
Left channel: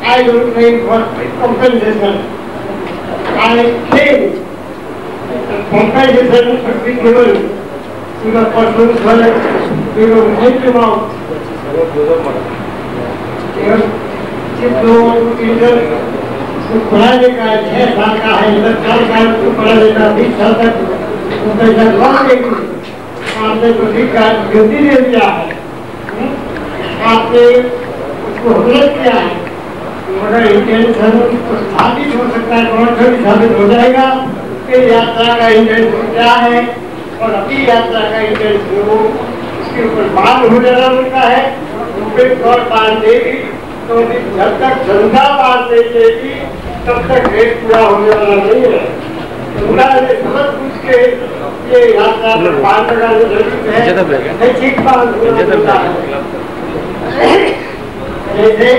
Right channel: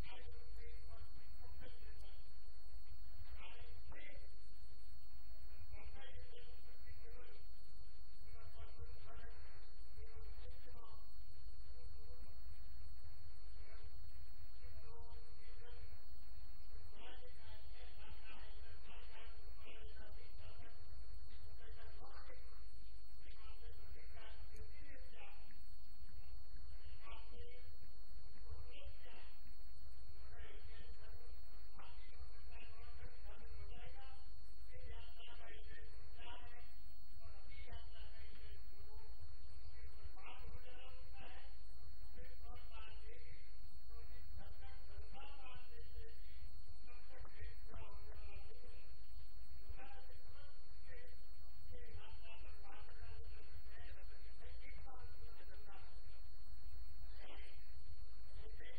I don't claim for compensation. I claim compensation should be given to the persons who help him out. जिस लोगों को पढ़ाने का 6 साल का है 10 साल का उसको पढ़ाने का 20 साल तक वो पैसा लगा देगी. आपने तो ठीक का गिनती दे दिया है. आपने उसको हुकूमत किया है मगर इंटेंशन तो साबित हो सकता है, कौन सा भी साबित हो जाएगा कि यात्रा का इंटेंशन क्या है और अपनी यात्रा का इंटेंशन वो उसके ऊपर बाल हो जाना होता है। रुपये और बांध देगी तो जब तक जनता बांध नहीं देगी तब तक रेट पूरा होने वाला नहीं है। जनता ने समझ पूछ के ये यात्रा पर बांध लगाने जरूरत है, ठीक बांध होता है। जैसे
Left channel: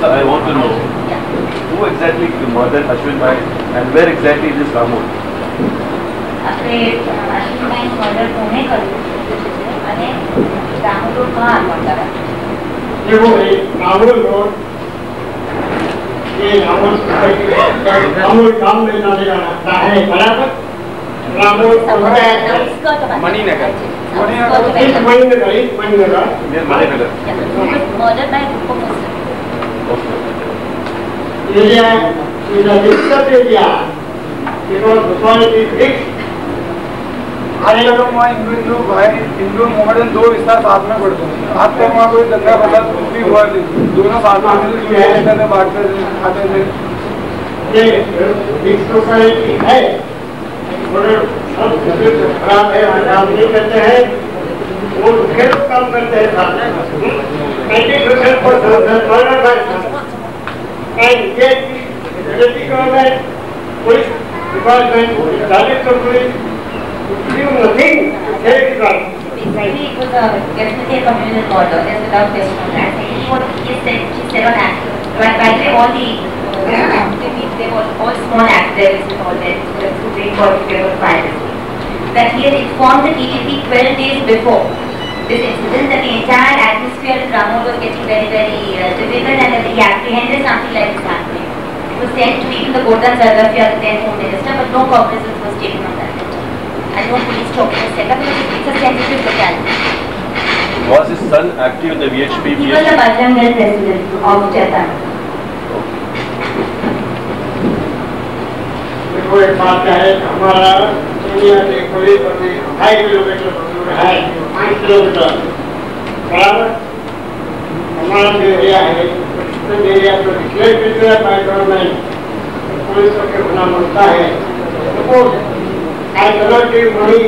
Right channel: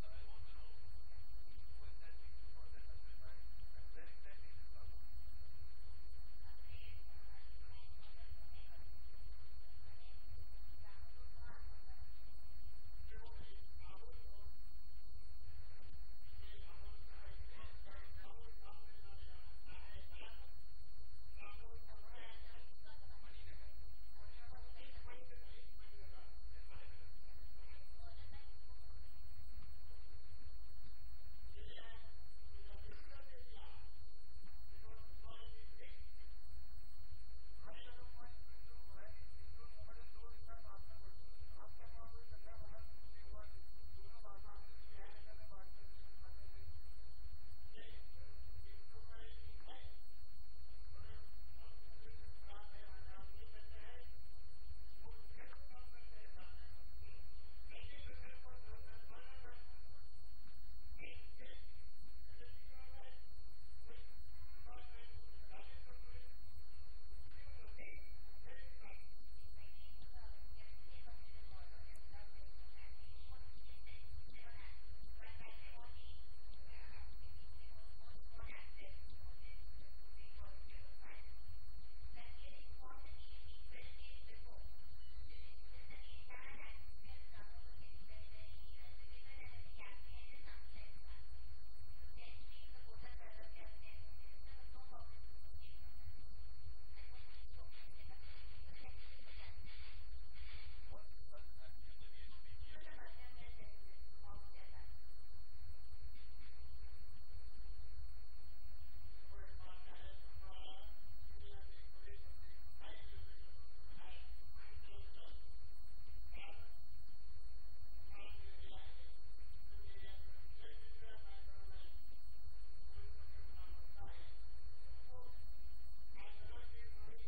Sir, I want to know who exactly murdered Ashwin Bhai and where exactly is this Ramon? આપણે અશ્વિનભાઈ મર્ડર કોને કર્યું અને રામુ રોડ કहाँ आता है? देखो राहुल रोड ये राहुल गांव में जाने का रास्ता है बराबर। Rahul Maninagar murder by area is a disturbed area because the soil is rich. Hindu Mohammedan दो विस्तार साथ में पड़ते हैं। आज तक वहाँ कोई दंगा फसाद कुछ भी हुआ नहीं, दोनों साथ में बांटते खाते थे। ये रिच सोसाइटी है मगर सब खराब है, काम नहीं करते हैं, वो दूसरे लोग काम करते हैं साथ में। 90% पर and yet the government, police department, director police, do nothing to save it right. Basically, it was definitely a communal murder. There's without question on that. Secondly, what she said on actors. By the way, all the they were all small actors involved in the Supreme Court of Privacy. That he had informed the DGP 12 days before this incident that the entire atmosphere in Ramon was getting very, very difficult and that he apprehended something like this happening. It was sent to even the Gordon Sargafia, the then Home Minister, but no cognizance was taken on that. And no police talk was set up because it's a sensitive locality. Was his son active in the VHP? He was the Bajrang Dal president of Chetan. देखो एक बात है, हमारा इंडिया से कोई 2.5 किलोमीटर दूर है, 5 किलोमीटर बराबर। हमारा जो एरिया है उस एरिया को डिक्लेयर किया है बाय गवर्नमेंट, पुलिस को होना पड़ता है। Suppose I don't give money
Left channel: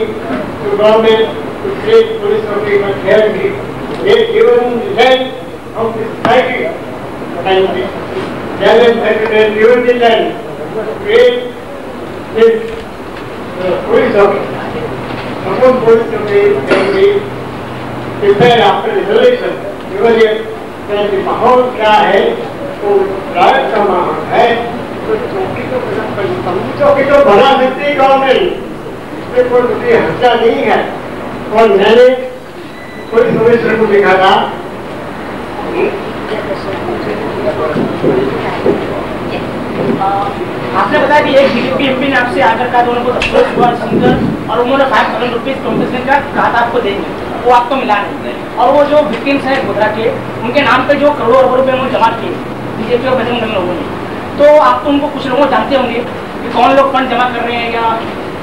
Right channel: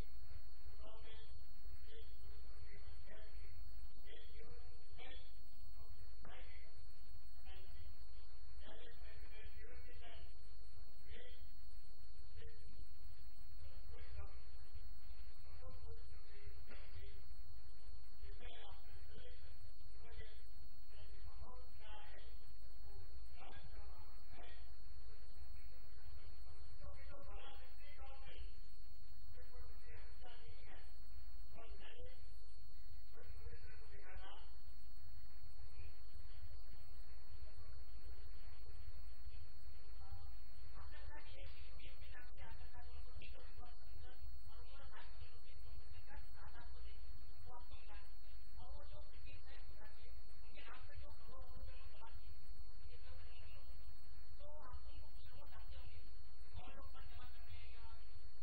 to government to create police office here they given land of the society and government secretary given the land create this police office. Suppose police office can be prepared after resolution. Because ये माहौल क्या है, वो रायत का माहौल है, तो चौकी तो बना सकती है गवर्नमेंट, इसमें कोई दूसरी हत्या नहीं है। और मैंने पुलिस कमिश्नर को लिखा था आपने बताया कि एक बीजेपी एमपी ने आपसे आकर कहा दोनों को अप्रोच हुआ और उन्होंने 5 करोड़ रुपीज कॉम्पेंसेशन का कहा था आपको देंगे, वो आपको मिला नहीं। और वो जो विक्टिम्स हैं गोधरा के, उनके नाम पे जो करोड़ों रुपए उन्होंने जमा किए बीजेपी और बजरंग दल लोगों ने, तो आप तो उनको कुछ लोगों जानते होंगे कि कौन लोग फंड जमा कर रहे हैं या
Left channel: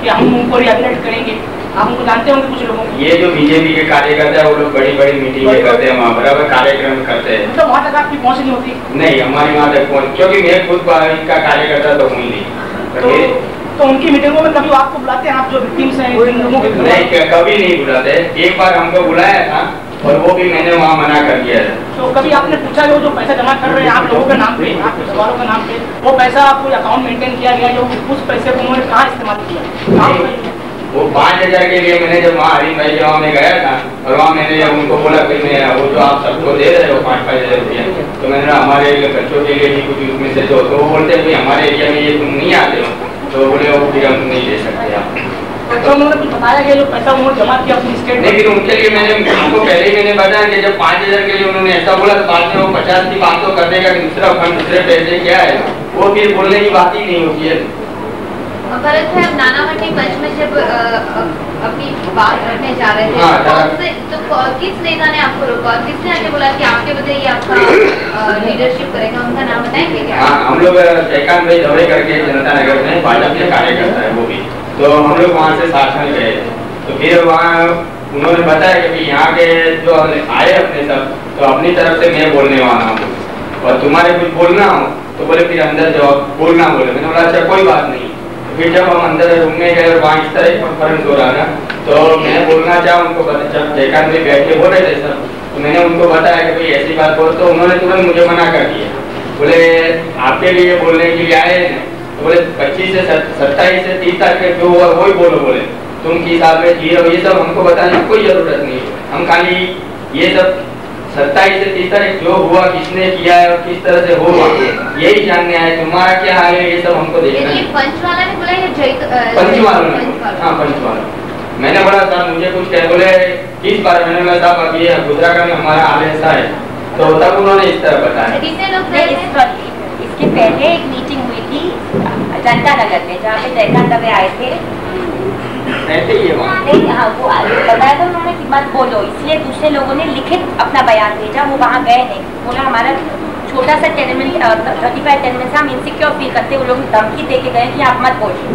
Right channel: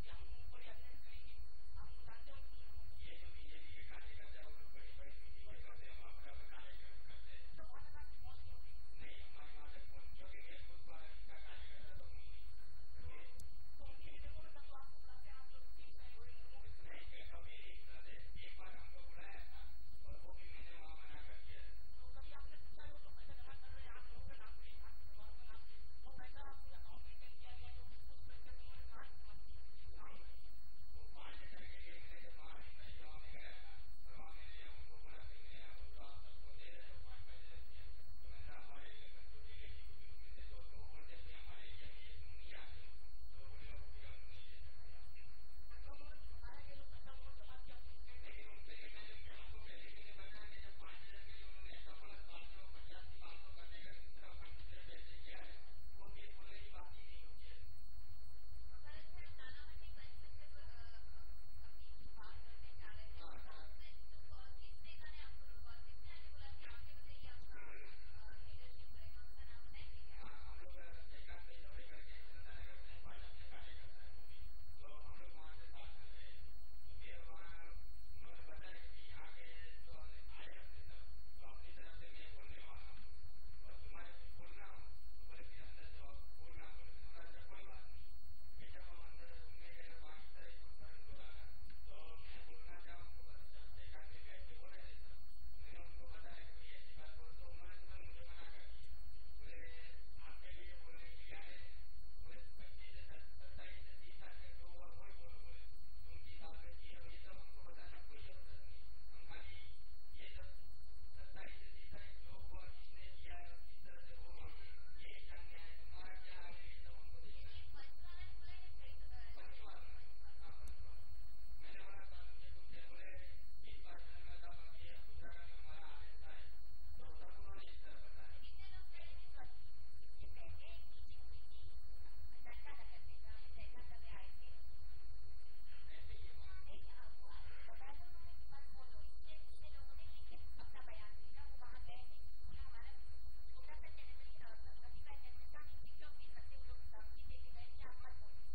कि हम उनको रिहेबिलिटेट करेंगे, आप उनको जानते होंगे कुछ लोगों को। ये जो बीजेपी के कार्यकर्ता है वो लोग बड़ी बड़ी मीटिंगें करते हैं, वहाँ बराबर कार्यक्रम करते हैं। तो वहाँ तक आपकी पहुँच नहीं होती? नहीं, हमारी वहाँ तक पहुँच, क्योंकि मैं खुद इनका कार्यकर्ता तो हूँ नहीं। तो उनकी मीटिंगों में कभी आपको बुलाते हैं, आप जो विक्टिम्स हैं इन लोगों को? नहीं, कभी नहीं बुलाते। एक बार हमको बुलाया था और वो भी मैंने वहाँ मना कर दिया था। तो कभी आपने पूछा जो पैसा जमा कर रहे हैं आप लोगों के नाम पे, आपके सवालों के नाम पे, वो पैसा आपको अकाउंट मेंटेन किया गया, जो उस पैसे को उन्होंने कहाँ इस्तेमाल किया? वो 5,000 के लिए मैंने जब वहाँ हरी भाई गाँव में गया था और वहाँ मैंने जब उनको बोला कि मैं वो जो आप सबको दे रहे हो 5-5 हज़ार रुपया, तो मैंने हमारे बच्चों के लिए भी कुछ उसमें से दो, तो वो बोलते हैं हमारे एरिया में ये तुम नहीं आते हो, तो बोले वो फिर हम नहीं दे सकते आप। तो उन्होंने कुछ बताया कि जो पैसा उन्होंने जमा किया अपनी स्टेट, लेकिन उनके लिए मैंने उनको पहले ही मैंने बताया कि जब 5,000 के लिए उन्होंने ऐसा बोला तो बाद में वो 50 की बात तो कर देगा कि दूसरा फंड दूसरे पैसे क्या है, वो फिर बोलने की बात ही नहीं होती है। भरत भाई, अब नाना मंडी मंच में जब अपनी बात रखने जा रहे थे, किस नेता ने आपको रोका और किसने आके बोला कि आपके बदले ये आपका लीडरशिप करेगा? उनका नाम बताएंगे क्या? हम लोग जयकांत भाई दौरे करके जनता नगर में भाजपा के कार्यकर्ता है वो भी, तो हम लोग वहाँ से साथ में गए थे। तो फिर वहाँ उन्होंने बताया कि यहाँ के जो आए अपने सब, तो अपनी तरफ से मैं बोलने वाला हूँ और तुम्हारे कुछ बोलना हो तो बोले फिर अंदर जाओ, बोलना बोले। मैंने बोला अच्छा कोई बात नहीं। फिर जब हम अंदर रूम में गए और वहाँ इस तरह कॉन्फ्रेंस हो रहा था, तो मैं बोलना चाहा उनको, जब जयकांत में बैठ के बोल रहे थे सब, तो मैंने उनको बताया कि भाई ऐसी बात बोल, तो उन्होंने तुरंत मुझे मना कर दिया। बोले आपके लिए बोलने के लिए आए हैं, तो बोले 25 से 27 से 30 तारीख जो हुआ वही बोलो, बोले तुम किस हाल में जी रहे हो ये सब हमको बताने की कोई जरूरत नहीं है। हम खाली ये सब 27 से 30 तारीख जो हुआ, किसने किया है और किस तरह से हुआ, यही जानने आए। तुम्हारा क्या हाल है ये सब हमको देखना है। पंचवाला ने बोला या पंचवाला ने? हाँ पंचवाला। मैंने बोला साहब मुझे कुछ कह, बोले किस बारे में? मैंने बोला साहब अभी गुजरात में हमारा हाल ऐसा है, तो तब उन्होंने इस तरह बताया। इसके पहले एक मीटिंग हुई थी जनता नगर में, जहाँ पे जयकांत दवे आए थे। नहीं, हाँ वो बताया था उन्होंने कि मत बोलो, इसलिए दूसरे लोगों ने लिखित अपना बयान भेजा, वो वहाँ गए नहीं। बोला हमारा छोटा सा टेनमेंट 35 टेनमेंट हम इनसिक्योर फील करते, वो लोग धमकी दे के गए कि आप मत बोलिए,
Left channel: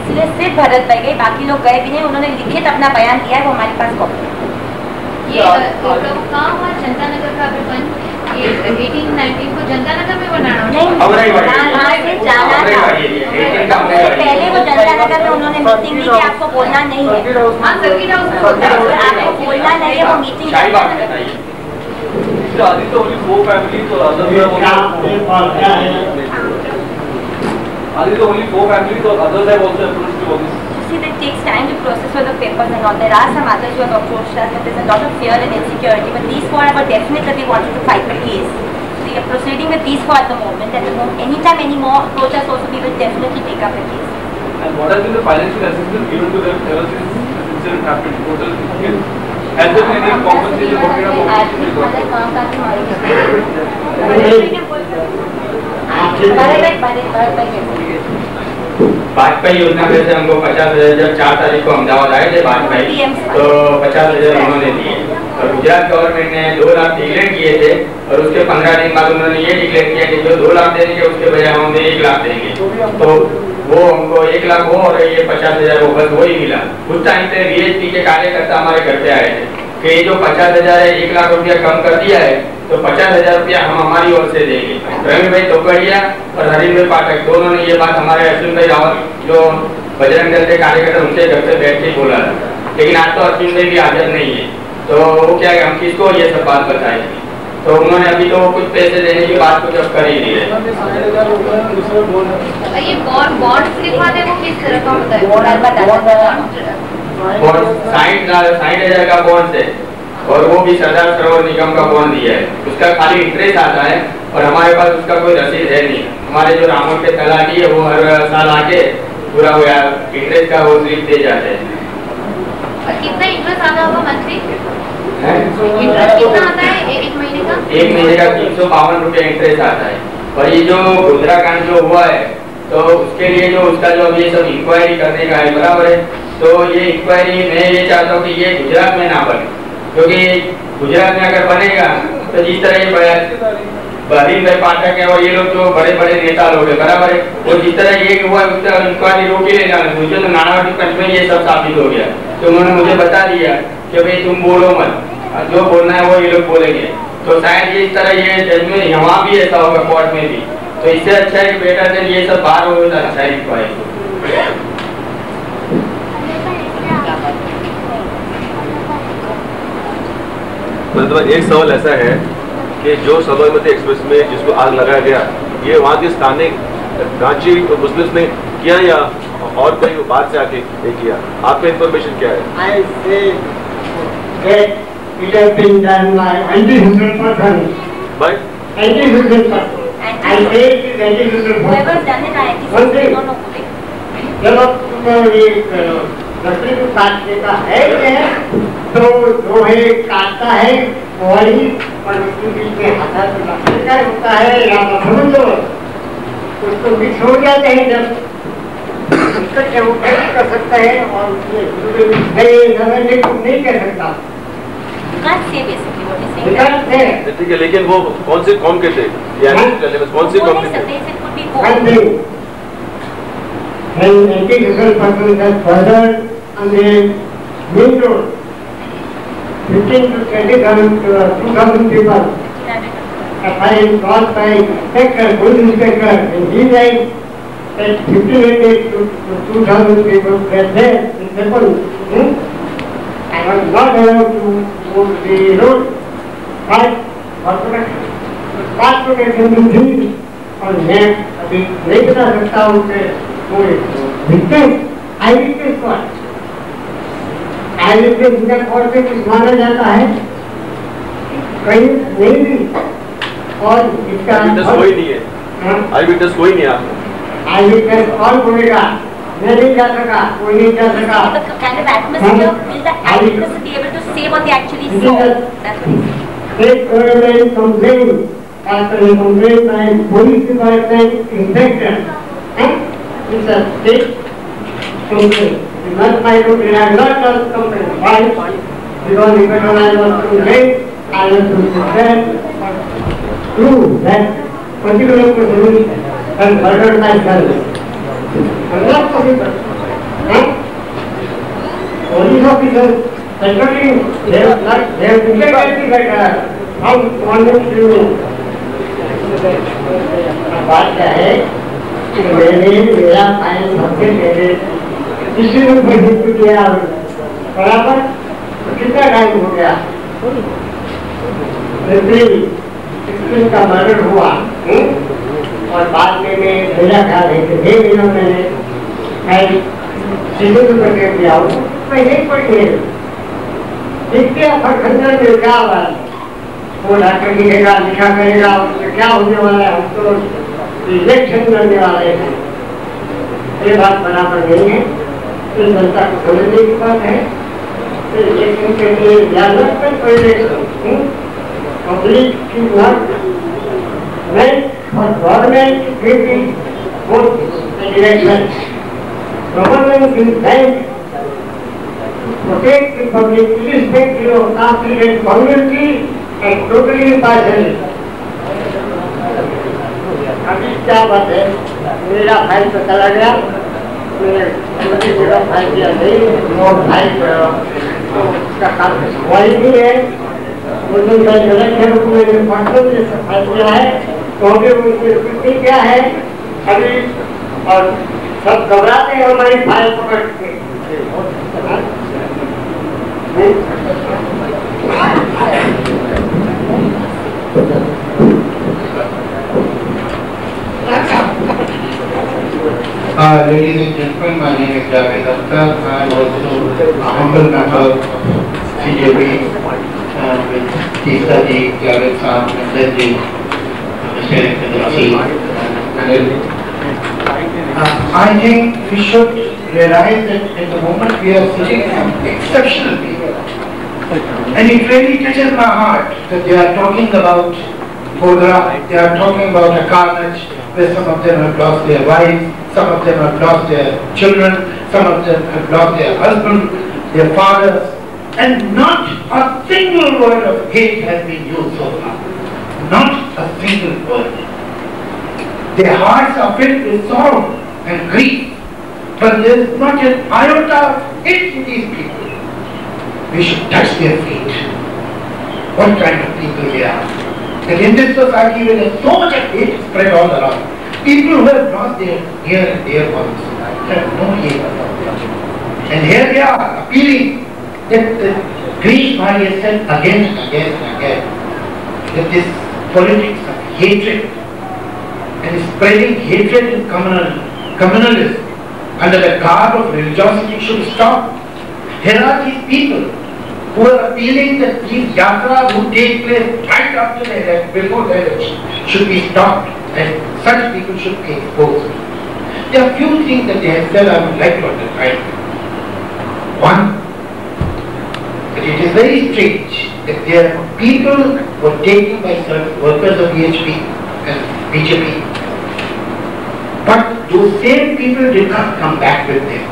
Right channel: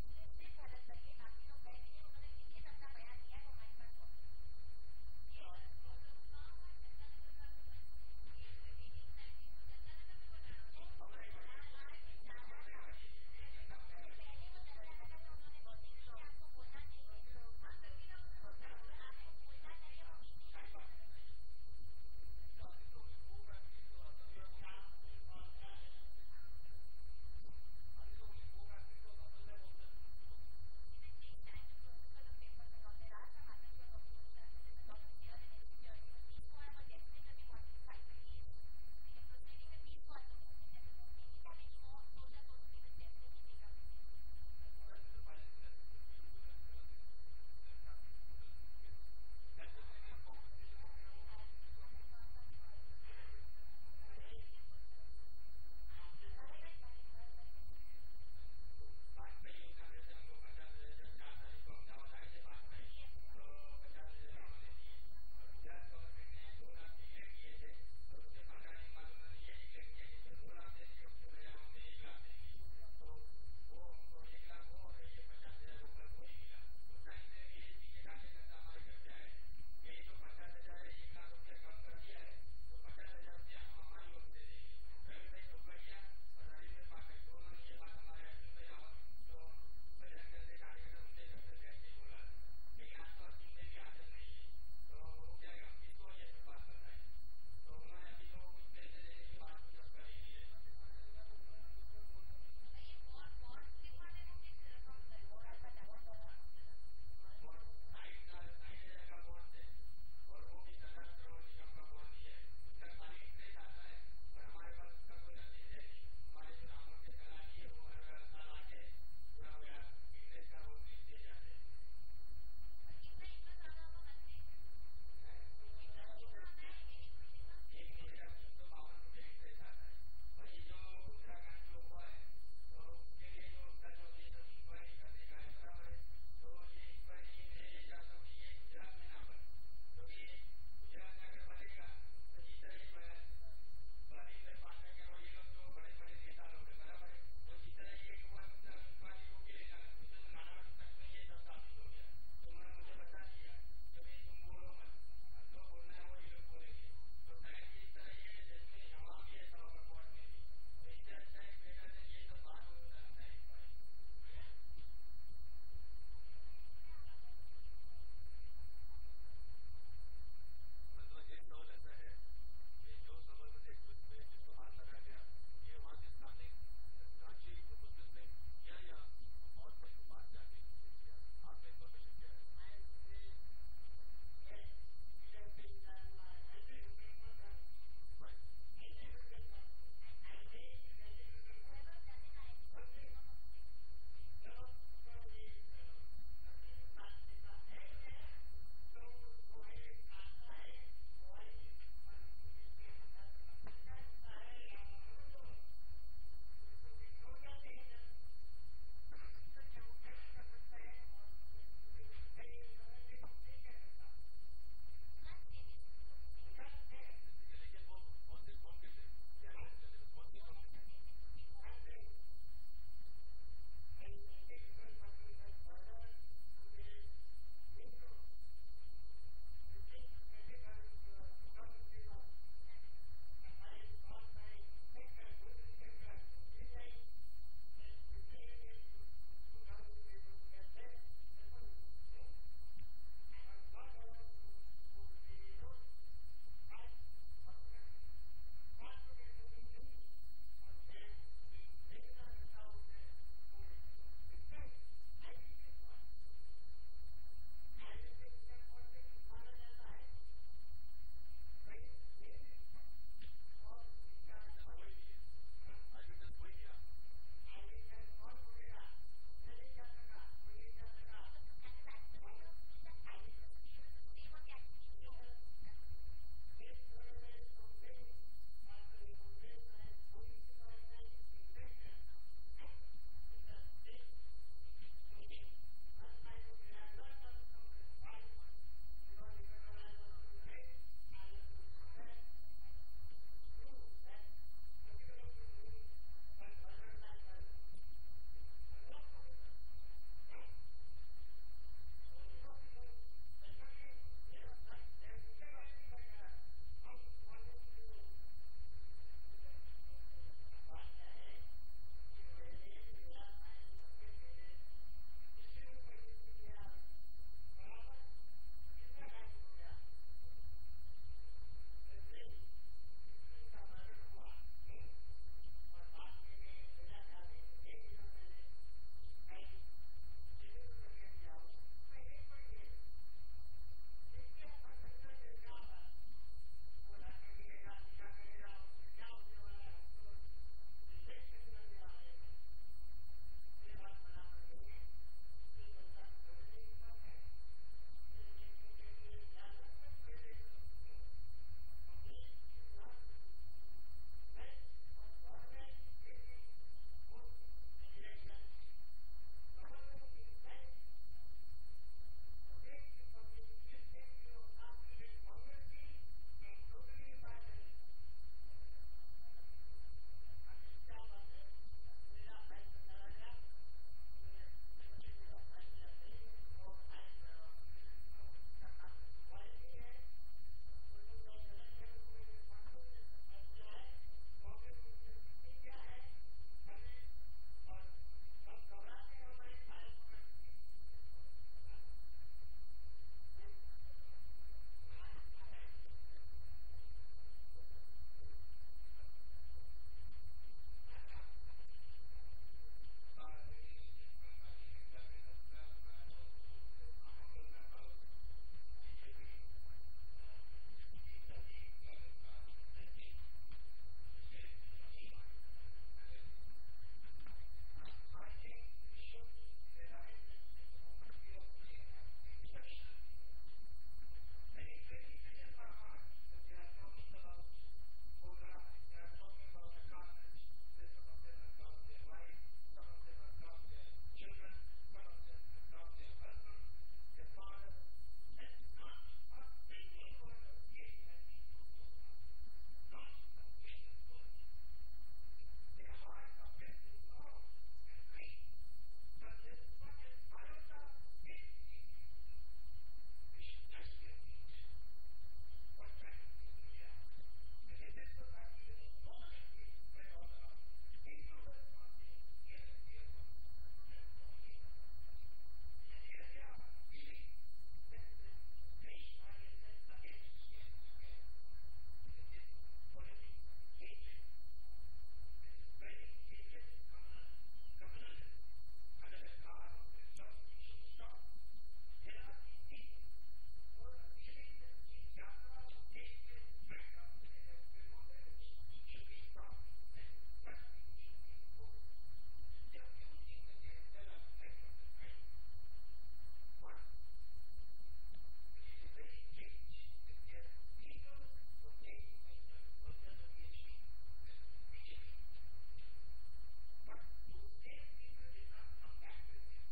इसलिए सिर्फ भरत भाई गए, बाकी लोग गए भी नहीं। उन्होंने लिखित अपना बयान दिया है, वो हमारे पास कॉपी है। ये कहाँ हुआ? जनता नगर का विपन ये 18-19 को जनता नगर में बनाना नहीं, वहाँ से जाना था। पहले वो जनता नगर में उन्होंने मीटिंग ली कि आपको बोलना नहीं है, आपको बोलना नहीं है, वो meeting It takes time to process all the papers and all. There are some others who have approached us, but there's a lot of fear and insecurity. But these four are definite that we wanted to fight the case. So we are proceeding with these four at the moment. At the moment, anytime any more approach us also, we will definitely take up the case. And what has been the financial assistance given to them ever since this incident happened? Total has there been any compensation? Vajpayee योजना में से हमको 50,000, जब 4 तारीख को अहमदाबाद आए थे वाजपेयी, तो 50,000 उन्होंने दिए। और गुजरात गवर्नमेंट ने 2 लाख डिक्लेयर किए थे, और उसके 15 दिन बाद उन्होंने ये डिक्लेयर किया कि जो 2 लाख देंगे उसके बजाय हम 1 लाख देंगे। तो वो हमको 1 लाख हो और ये 50,000 वो बस वही मिला। उस टाइम पे VHP के कार्यकर्ता हमारे घर पे आए थे कि ये जो 50,000 है 1 लाख रुपया कम कर दिया है, तो 50,000 रुपया हम हमारी ओर से देंगे। प्रवीण भाई तोकड़िया और हरीश भाई पाठक दोनों ने ये बात हमारे अश्विन भाई रावत जो बजरंग दल के कार्यकर्ता उनके घर पे बैठ के बोला था, लेकिन आज तो अश्विन भाई भी हाजिर नहीं है, तो वो क्या है हम किसको ये सब बात बताएंगे? तो उन्होंने अभी तो कुछ पैसे देने की बात को जब कर ही दी है। ये बॉन्ड लिखवाते वो किस तरह का होता है? 60,000 का बॉन्ड है, और वो भी सरदार सरोवर निगम का बॉन्ड दिया है। उसका खाली इंटरेस्ट आता है और हमारे पास उसका कोई रसीद है नहीं। हमारे जो रामों के तलाटी है वो हर साल आके पूरा वो इंटरेस्ट का वो स्लिप दे जाते हैं। और कितना इंटरेस्ट आता होगा मंथली? इंटरेस्ट कितना आता है एक महीने का? 1 महीने का 352 रुपया इंटरेस्ट आता है। और ये जो गोधरा कांड जो हुआ है, तो उसके लिए जो उसका जो ये सब इंक्वायरी करने का है, बराबर है, तो ये इंक्वायरी मैं ये चाहता हूँ कि ये गुजरात में ना बने, क्योंकि गुजरात में अगर बनेगा तो जिस तरह ये हरीश भाई पाठक है और ये लोग जो बड़े बड़े नेता लोग हैं, बराबर है, और जिस तरह ये हुआ उस तरह इंक्वायरी रोक ही लेना। मुझे तो नानावटी पंच में ये सब साबित हो गया, तो उन्होंने मुझे बता दिया कि भाई तुम बोलो मत, जो बोलना है वो ये लोग बोलेंगे। तो शायद ये इस तरह ये जजमेंट यहाँ भी ऐसा होगा, कोर्ट में भी, तो इससे अच्छा है कि बेटर देन ये सब बाहर हो तो अच्छा है। मतलब एक सवाल ऐसा है कि जो साबरमती एक्सप्रेस में जिसको आग लगाया गया, ये वहाँ के स्थानिक रांची मुस्लिम्स ने किया या और कोई बात से आके किया? आपका इन्फॉर्मेशन क्या है? I say that it has been done by 100%. By 100%. I say it is 100%. Whoever's done it, I actually don't know who they जब ये लकड़ी को काटने का है तो जो है काटता है वही, और उसके बीच में हाथ लकड़ी का होता है या समझ लो उसको मिक्स हो जाते हैं। जब संकट है वो कैसे कर सकता है और नहीं कर सकता। ठीक है, लेकिन वो कौन से कौम के थे? कौन से कौम के थे? Anti-social persons has furthered on the main road 15 to 2,000 people caused by inspector, police inspector, and he said that 1,500 to 2,000 people were there in Nepal and was not allowed to move the road. But पाँच लोग थी और मैं अभी नहीं बता सकता हूँ कि आई विटनेस कौन से कुछ माना जाता है कहीं नहीं भी और इसका कोई नहीं है। आई विटनेस कोई नहीं है। आई विटनेस कौन बोलेगा? मैं नहीं जा सका, कोई नहीं जा सका। State government complaint after a complaint by police department inspector. It's a state complaint. You must find out there are lots of complaints. Why? Because even when I was complained, I was to defend prove that particular person has murdered my son. And not possible. Police officers, actually, they have declared that how one would do. बात क्या है कि मेरा फाइन सबसे पहले किसी ने हिट किया बराबर तो कितना टाइम हो गया? अप्रैल का मर्डर हुआ और बाद में मेरा ख्याल है कि 6 महीनों मैंने फाइन सिविल करके दिया हूँ। मैं नहीं पढ़ी देखते खंडन में क्या हुआ वो डॉक्टर लिखेगा लिखा करेगा उसमें क्या होने वाला है? हम तो इलेक्शन लड़ने वाले हैं। ये बात बराबर नहीं है। तो जनता को समझने की बात है। तो इलेक्शन के लिए डेवलपमेंट पहले पब्लिक की वर्क और government election government is bank protect the public, irrespective of conflict, community, and totally impartial. अभी क्या बात है? मेरा भाई तो चला गया, मैंने मेरा भाई दिया नहीं, और भाई तो उसका काम वही भी है। वो जो मैं गलत है उसको मैंने पढ़ने में सफाई किया है, तो भी उनकी स्थिति क्या है? अभी और सब घबराते हैं हमारी फाइल पकड़ के। Ladies and gentlemen, my name is Javed Akhtar. I am also a humble member of CJP with Teesta ji, Javed Saab, Nandan ji, Mr. Excellency. I think we should realize that at the moment we are sitting some exceptional people. And it really touches my heart that they are talking about Godra, they are talking about a carnage where some of them have lost their wives, some of them have lost their children, some of them have lost their husbands, their fathers, and not a single word of hate has been used so far. Not a single word. Their hearts are filled with sorrow and grief, but there is not an iota of hate in these people. We should touch their feet. What kind of people they are? That in this society where there is so much of hate spread all around, people who have lost their near and dear ones have no hate. And here they are appealing that Girish Bhai has said again and again and again that this politics of hatred and spreading hatred and communalism under the garb of religiosity should stop. Here are these people who are appealing that these yatras who take place right after the election, before the election, should be stopped and such people should be exposed. There are few things that they have said I would like to underline. One, that it is very strange that there are people who are taken by certain workers of BHP and BJP, but those same people did not come back with them.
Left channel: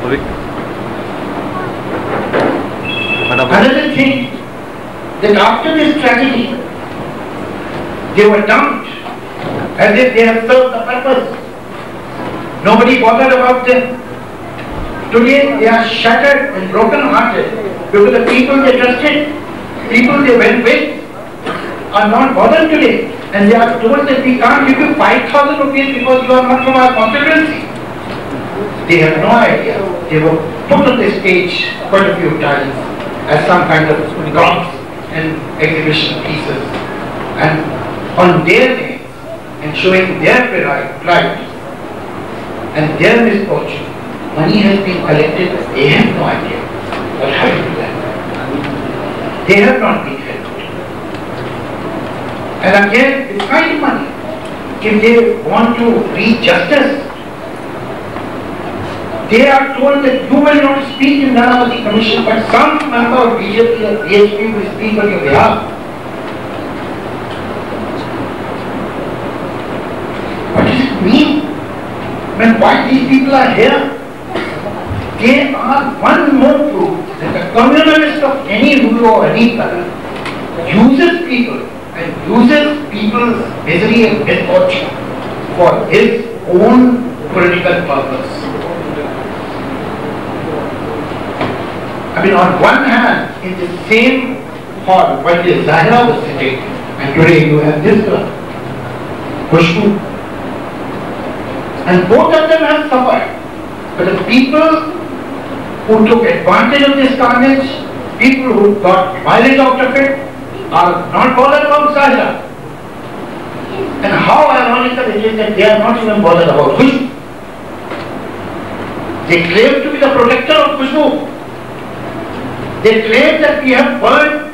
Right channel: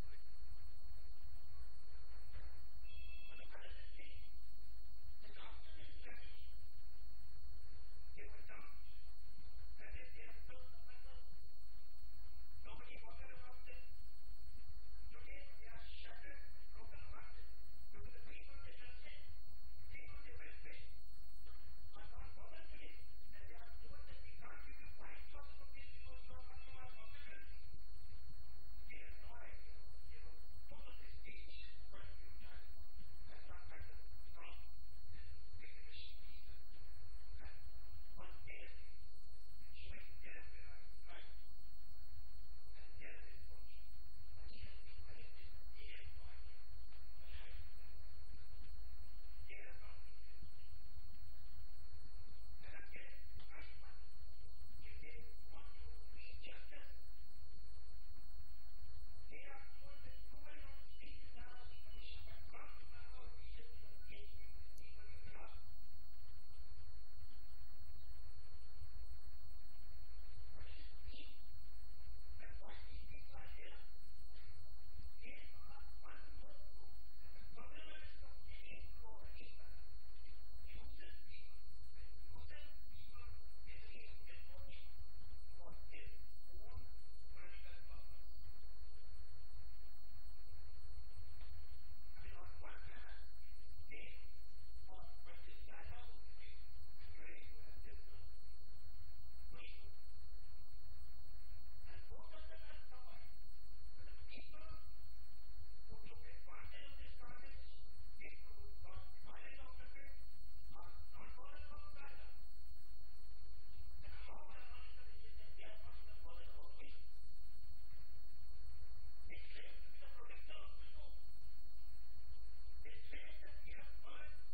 Another thing, that after this tragedy, they were dumped as if they have served the purpose. Nobody bothered about them. Today they are shattered and broken-hearted because the people they trusted, people they went with, are not bothered today. And they are told that we can't give you 5,000 rupees because you are not from our constituency. They have no idea. They were put on the stage quite a few times as some kind of props and exhibition pieces. And on their names and showing their pride and their misfortune, money has been collected. They have no idea what happened to them. They have not been helped. And again, it's kind of money. If they want to reach justice, they are told that you will not speak in Nanavati Commission, but some member of BJP or BHP will speak on your behalf. What does it mean? When why these people are here? They are one more proof that the communalist of any rule or any color uses people and uses people's misery and misfortune for his own political purpose. I mean, on one hand, in the same hall where the Zahra was sitting, and today you have this one, Khushbu. And both of them have suffered. But the people who took advantage of this carnage, people who got violent out of it, are not bothered about Zahra. And how ironical it is that they are not even bothered about Khushbu. They claim to be the protector of Khushbu. They claim that we have burned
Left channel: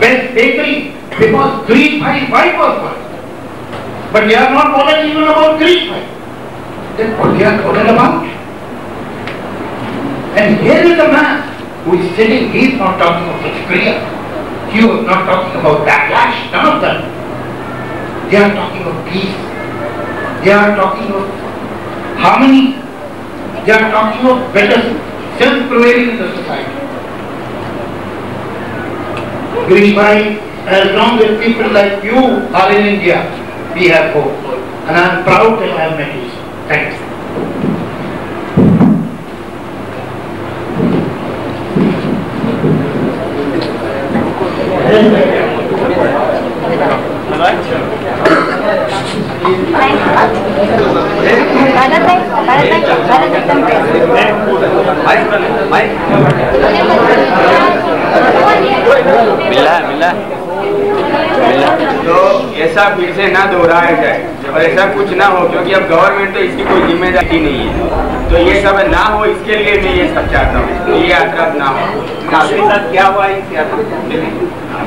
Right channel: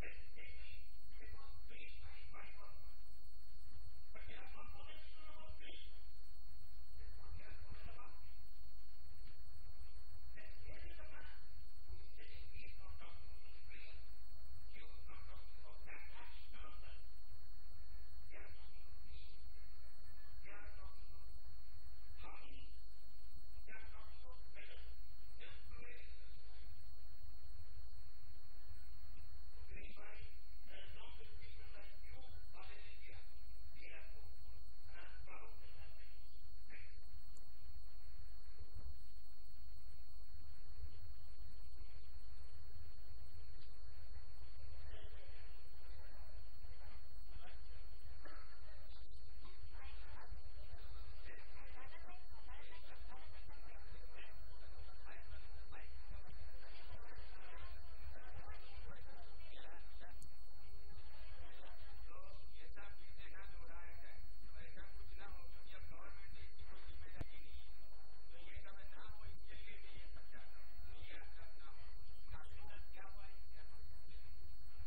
Best Bakery because Grease Bhai was burned. But they are not bothered even about Grease Bhai. Then what they are bothered about? And here is a man who is sitting, he is not talking of Pratikriya. He was not talking about backlash, none of them. They are talking of peace. They are talking of harmony. They are talking of better sense prevailing in the society. Girish Bhai, as long as people like you are in India, we have hope. And I am proud that I have met you. Thank you. तो ऐसा फिर से ना दोहराया जाए और ऐसा कुछ ना हो, क्योंकि अब गवर्नमेंट तो इसकी कोई जिम्मेदारी नहीं है। तो ये सब ना हो, इसके लिए मैं ये सब चाहता हूँ, ये यात्रा ना हो। आपके साथ क्या हुआ इस यात्रा?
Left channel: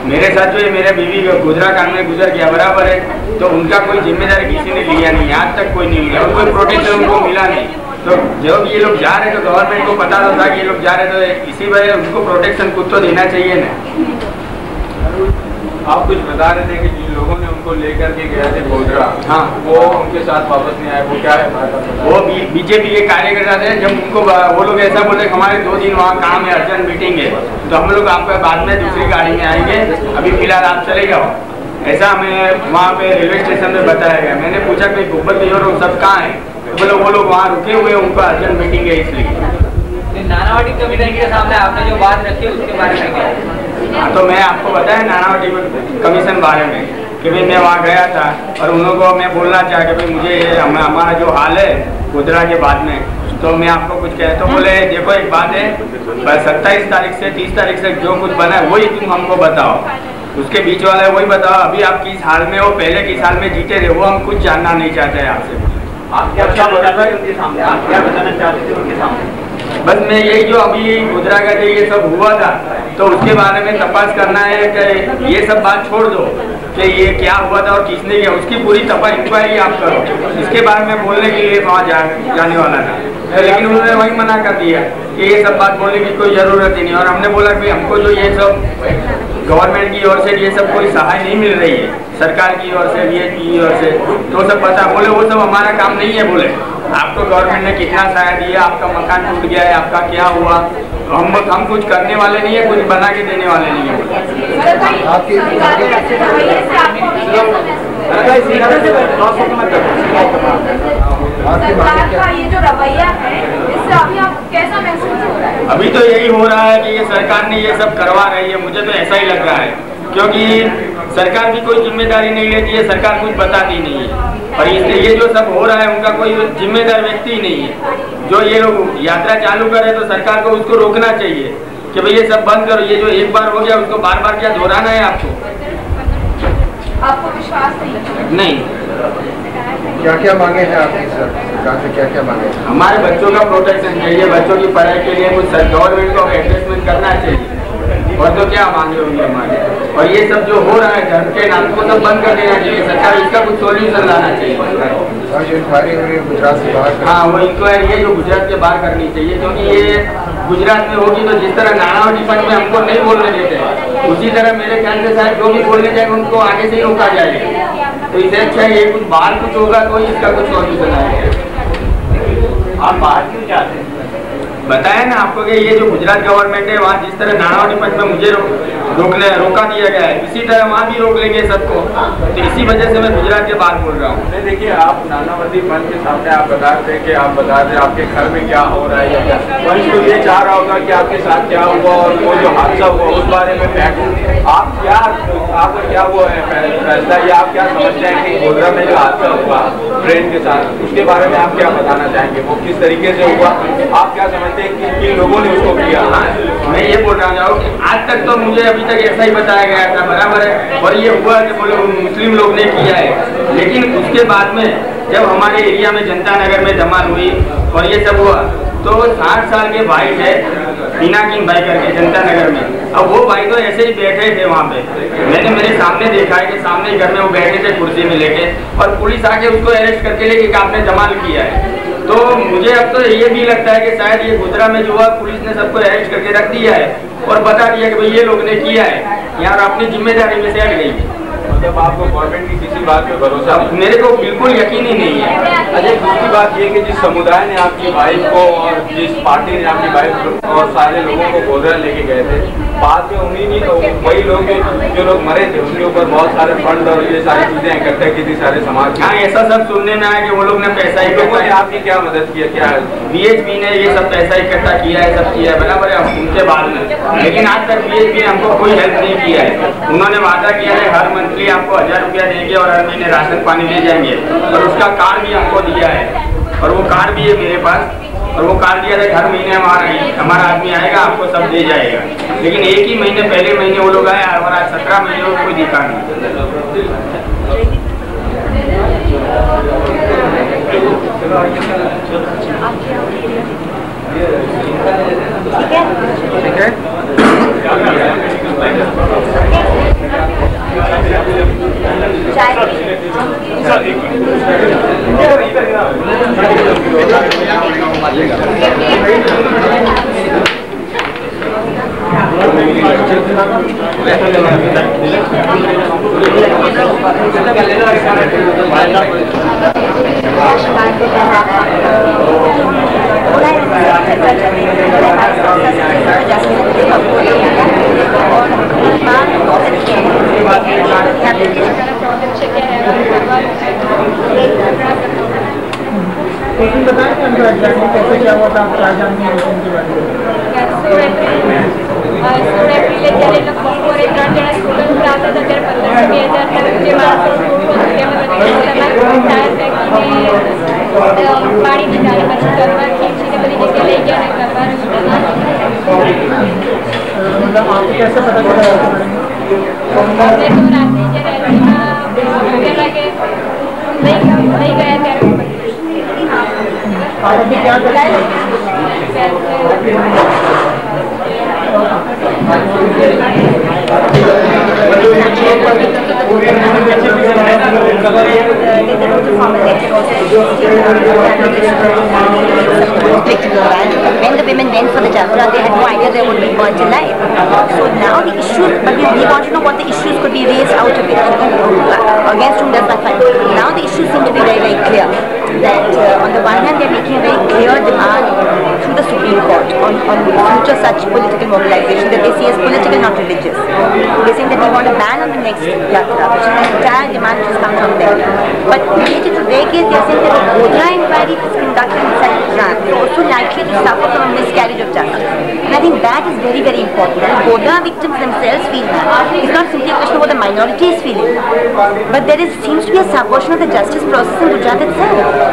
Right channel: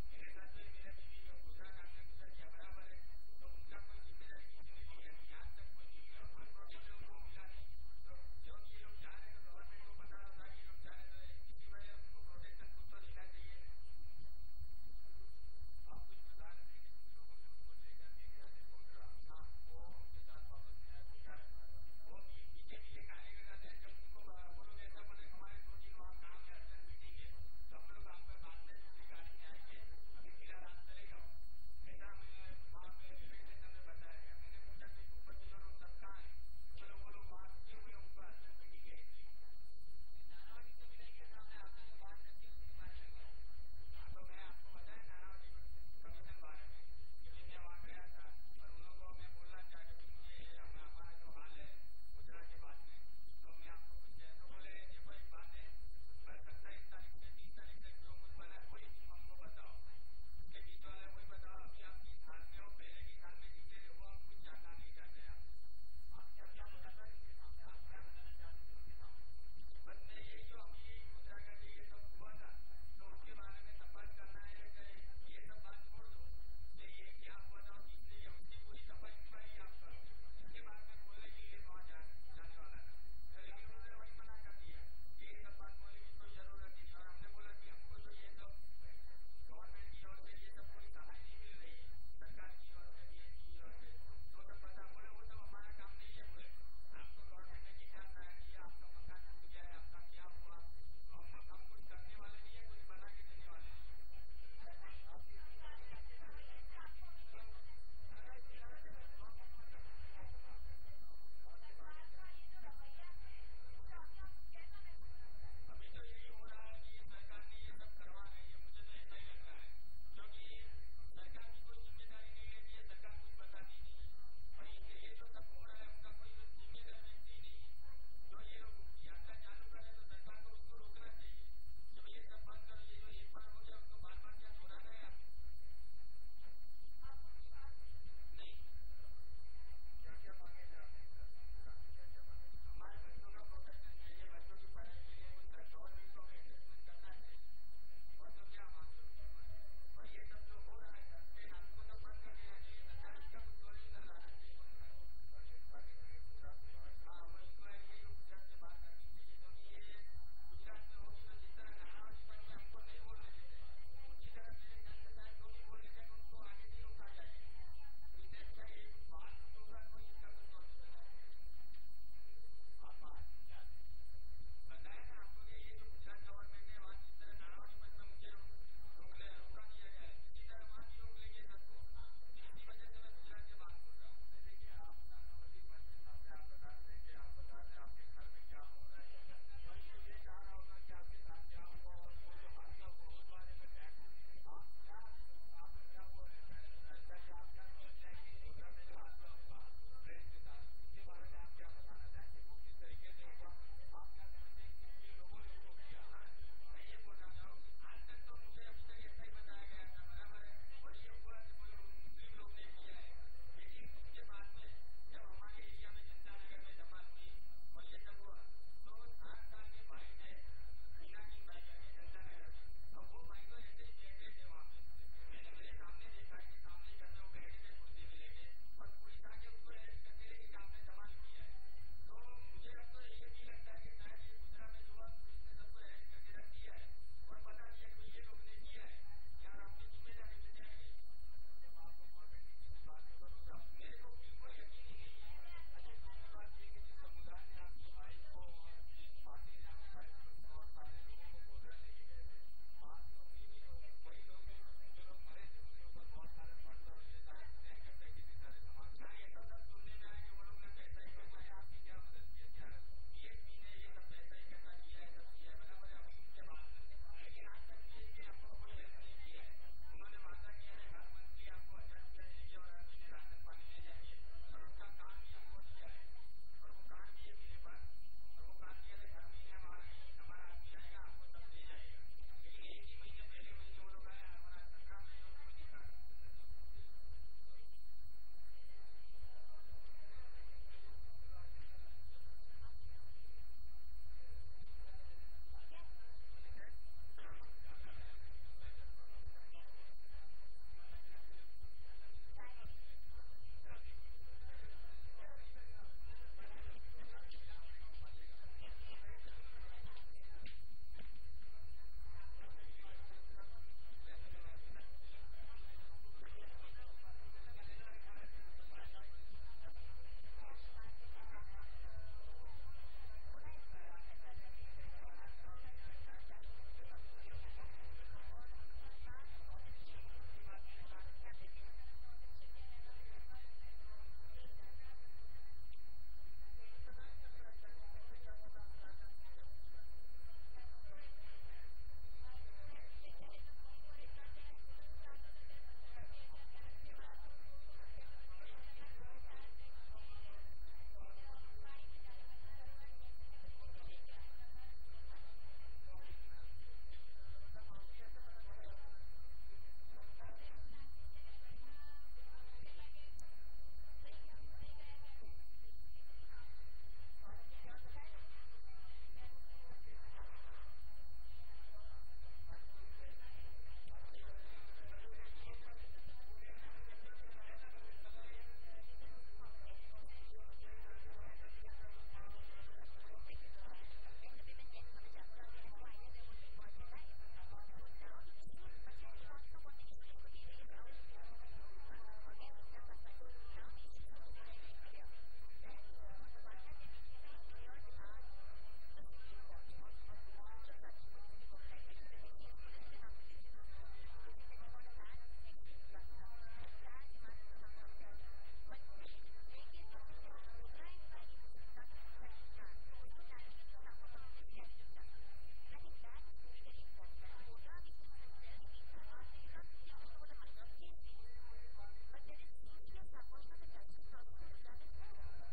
मेरे साथ जो है मेरे बीवी गुजरा कांड में गुजर गया, बराबर है, तो उनका कोई जिम्मेदारी किसी ने लिया नहीं, आज तक कोई नहीं लिया और कोई प्रोटेक्शन उनको मिला नहीं। तो जब ये लोग जा रहे तो गवर्नमेंट को पता था कि ये लोग जा रहे, तो इसी वजह उनको प्रोटेक्शन कुछ तो देना चाहिए ना। आप कुछ बता रहे थे कि जिन लोगों ने उनको लेकर के गए थे गोधरा, हाँ, वो उनके साथ वापस नहीं आए, वो क्या है? वो बीजेपी के कार्यकर्ता थे। जब उनको वो लोग ऐसा बोले हमारे 2 दिन वहाँ काम है, अर्जेंट मीटिंग है, तो हम लोग आपके बाद में दूसरी गाड़ी में आएंगे, अभी फिलहाल आप चले जाओ, ऐसा हमें वहाँ पे रेलवे स्टेशन में बताया गया। मैंने पूछा कि भूपत जी और सब कहाँ है, तो बोले वो लोग वहाँ रुके हुए, उनका अर्जेंट मीटिंग है इसलिए। नानावटी कमीशन के सामने आपने जो बात रखी उसके बारे में क्या? तो मैं आपको बताया नानावटी कमीशन बारे में कि भाई मैं वहाँ गया था और उन लोगों को मैं बोलना चाहा कि भाई मुझे ये हमारा जो हाल है गोधरा के बाद में, तो मैं आपको कुछ कह, तो बोले देखो एक बात है, 27 तारीख से 30 तारीख से जो कुछ बना है वही तुम हमको बताओ, उसके बीच वाला है वही बताओ, अभी आप किस हाल में हो, पहले किस हाल में जीते थे वो हम कुछ जानना नहीं चाहते हैं आपसे। आप क्या उनके सामने आप क्या बताना चाहते थे उनके सामने? बस मैं यही जो अभी गुजरा का जो ये सब हुआ था, तो उसके बारे में तपास करना है कि ये सब बात छोड़ दो कि ये क्या हुआ था और किसने किया, उसकी पूरी तपास इंक्वायरी आप करो, इसके बारे में बोलने के लिए वहाँ जाने वाला था। लेकिन उन्होंने वही मना कर दिया कि ये सब बात बोलने की कोई ज़रूरत ही नहीं, और हमने बोला कि हमको जो ये सब गवर्नमेंट की ओर से ये सब कोई सहाय नहीं मिल रही है, सरकार की ओर से, VHP की ओर से, तो सब पता बोले वो सब हमारा काम नहीं है। बोले आपको गवर्नमेंट ने कितना सहाय दिया, आपका मकान टूट गया है, आपका क्या हुआ, हम कुछ करने वाले नहीं है, कुछ बना के देने वाले नहीं है। सरकार का ये जो रवैया है इससे अभी आप कैसा महसूस हो रहा है? अभी तो यही हो रहा है कि ये सरकार ने ये सब करवा रही है, मुझे तो ऐसा ही लग रहा है, क्योंकि सरकार भी कोई जिम्मेदारी नहीं लेती है, सरकार कुछ बताती नहीं है, और इसलिए ये जो सब हो रहा है उनका कोई जिम्मेदार व्यक्ति ही नहीं है। जो ये लोग यात्रा चालू करे तो सरकार को उसको रोकना चाहिए कि भाई ये सब बंद करो, ये जो एक बार हो गया उसको बार बार क्या दोहराना है आपको? आपको विश्वास नहीं। क्या क्या मांगे हैं आपकी सर? सरकार से क्या क्या मांगे? हमारे बच्चों का प्रोटेक्शन चाहिए, बच्चों की पढ़ाई के लिए कुछ गवर्नमेंट को एडजस्टमेंट करना चाहिए, और तो क्या मांगे होंगे हमारे। और ये सब जो हो रहा है धर्म के नाम को सब बंद कर देना चाहिए, सरकार इसका कुछ सोल्यूशन लाना चाहिए। और जो इंक्वायरी हो रही है गुजरात से बाहर, हाँ वो इंक्वायरी है जो गुजरात के बाहर करनी चाहिए, क्योंकि ये गुजरात में होगी तो जिस तरह नानावटी फंड में हमको नहीं बोलने देते हैं, उसी तरह मेरे ख्याल से शायद जो भी बोलने जाएंगे उनको आगे से ही रोका जाएगा। तो इससे अच्छा ये कुछ बाहर कुछ होगा तो इसका कुछ सोल्यूशन आएगा। आप बाहर क्यों जाते हैं? बताया ना आपको कि ये जो गुजरात गवर्नमेंट है वहाँ जिस तरह नानावटी फंड में मुझे रोका दिया गया है, इसी तरह वहाँ भी रोक लेंगे सबको, तो इसी वजह से मैं गुजरात के बाहर बोल रहा हूँ। देखिए आप नानावती फंड के सामने आप बता रहे कि आप बता रहे आपके घर में क्या हो रहा है या क्या, वंश तो ये चाह रहा होगा कि आपके साथ क्या हुआ और वो जो हादसा हुआ उस बारे में आप क्या, आपका क्या वो है फैसला, या आप क्या समझते हैं कि गोधरा में जो हादसा हुआ ट्रेन के साथ, उसके बारे में आप क्या बताना चाहेंगे, वो किस तरीके से हुआ, आप क्या समझते हैं कि किन लोगों ने उसको किया? मैं ये बोल रहा हूँ कि आज तक तो मुझे अभी तक ऐसा ही बताया गया था, बराबर है, और ये हुआ कि बोले मुस्लिम लोग ने किया है, लेकिन उसके बाद में जब हमारे एरिया में जनता नगर में धमाल हुई और ये सब हुआ तो 60 साल के भाई थे बीना किंग भाई करके जनता नगर में, अब वो भाई तो ऐसे ही बैठे थे वहाँ पे, मैंने मेरे सामने देखा है कि सामने घर में वो बैठे थे कुर्सी में लेके, और पुलिस आके उसको अरेस्ट करके लेके आपने धमाल किया है। तो मुझे अब तो ये भी लगता है कि शायद ये गोधरा में जो हुआ पुलिस ने सबको अरेस्ट करके रख दिया है और बता दिया कि भाई ये लोग ने किया है, यार अपनी जिम्मेदारी में से हट गई है। मतलब आपको गवर्नमेंट की किसी बात पे भरोसा? मेरे को बिल्कुल यकीन ही नहीं है। अच्छा दूसरी बात ये कि जिस समुदाय ने आपकी वाइफ को और जिस पार्टी ने आपकी वाइफ और सारे लोगों को गोधरा लेके गए थे, बाद में उन्हीं वही लोग जो लोग मरे थे उनके ऊपर बहुत सारे फंड और ये सारी चीजें इकट्ठा की थी सारे समाज। हाँ ऐसा सब सुनने में आया कि वो लोग ने पैसा लोगों ने आपकी क्या मदद किया, क्या VHP ने ये सब पैसा इकट्ठा किया है, सब किया है, बराबर है, उनके बाद में, लेकिन आज तक VHP ने हमको कोई हेल्प नहीं किया है। उन्होंने वादा किया है हर मंथली आपको 1000 रुपया देंगे और हर महीने राशन पानी दे जाएंगे, और उसका कार्ड भी हमको दिया है, और वो कार्ड भी है मेरे पास, और वो कार्ड दिया था हर महीने हमारा आदमी आएगा आपको सब दे जाएगा, लेकिन एक ही महीने पहले महीने वो लोग आए और आज 17 महीने को कोई दिखा नहीं। ठीक है बताएं कैसे क्या हुआ था, क्या जानते हैं उनके बारे में? 16 एप्रिल જ્યારે લોકો બપોરે 3 જણા સ્ટુડન્ટ આવતા હતા ત્યારે 15,000 તરફ જે માણસો ટાયર ફેંકીને પાણી નીકાળે પછી કરવા ખીચીને બધી જગ્યાએ લઈ ગયા ને કરવાનું मतलब आपको कैसे पता चला? हमने तो रात्रि જ્યારે भूखे लगे नहीं गया ત્યારે आप अभी क्या करते हैं? inflicted on violence. When the women went for the Jatra, they had no idea they would be burnt alive. So now the issues, but we want to know what the issues could be raised out of it, against whom does not fight. Now the issues seem to be very, very clear. That on the one hand they are making a very clear demand through the Supreme Court on future such political mobilization that they see as political, not religious. They are saying that they want a ban on the next Yatra, which is the entire demand which has come from them. But related to their case, they are saying that the Godhra inquiry is conducted inside Gujarat is also likely to suffer from a miscarriage of justice. And I think that is very, very important. The Godhra victims themselves feel that. It's not simply a question of what the minority is feeling, but there seems to be a subversion of the justice process in Gujarat itself.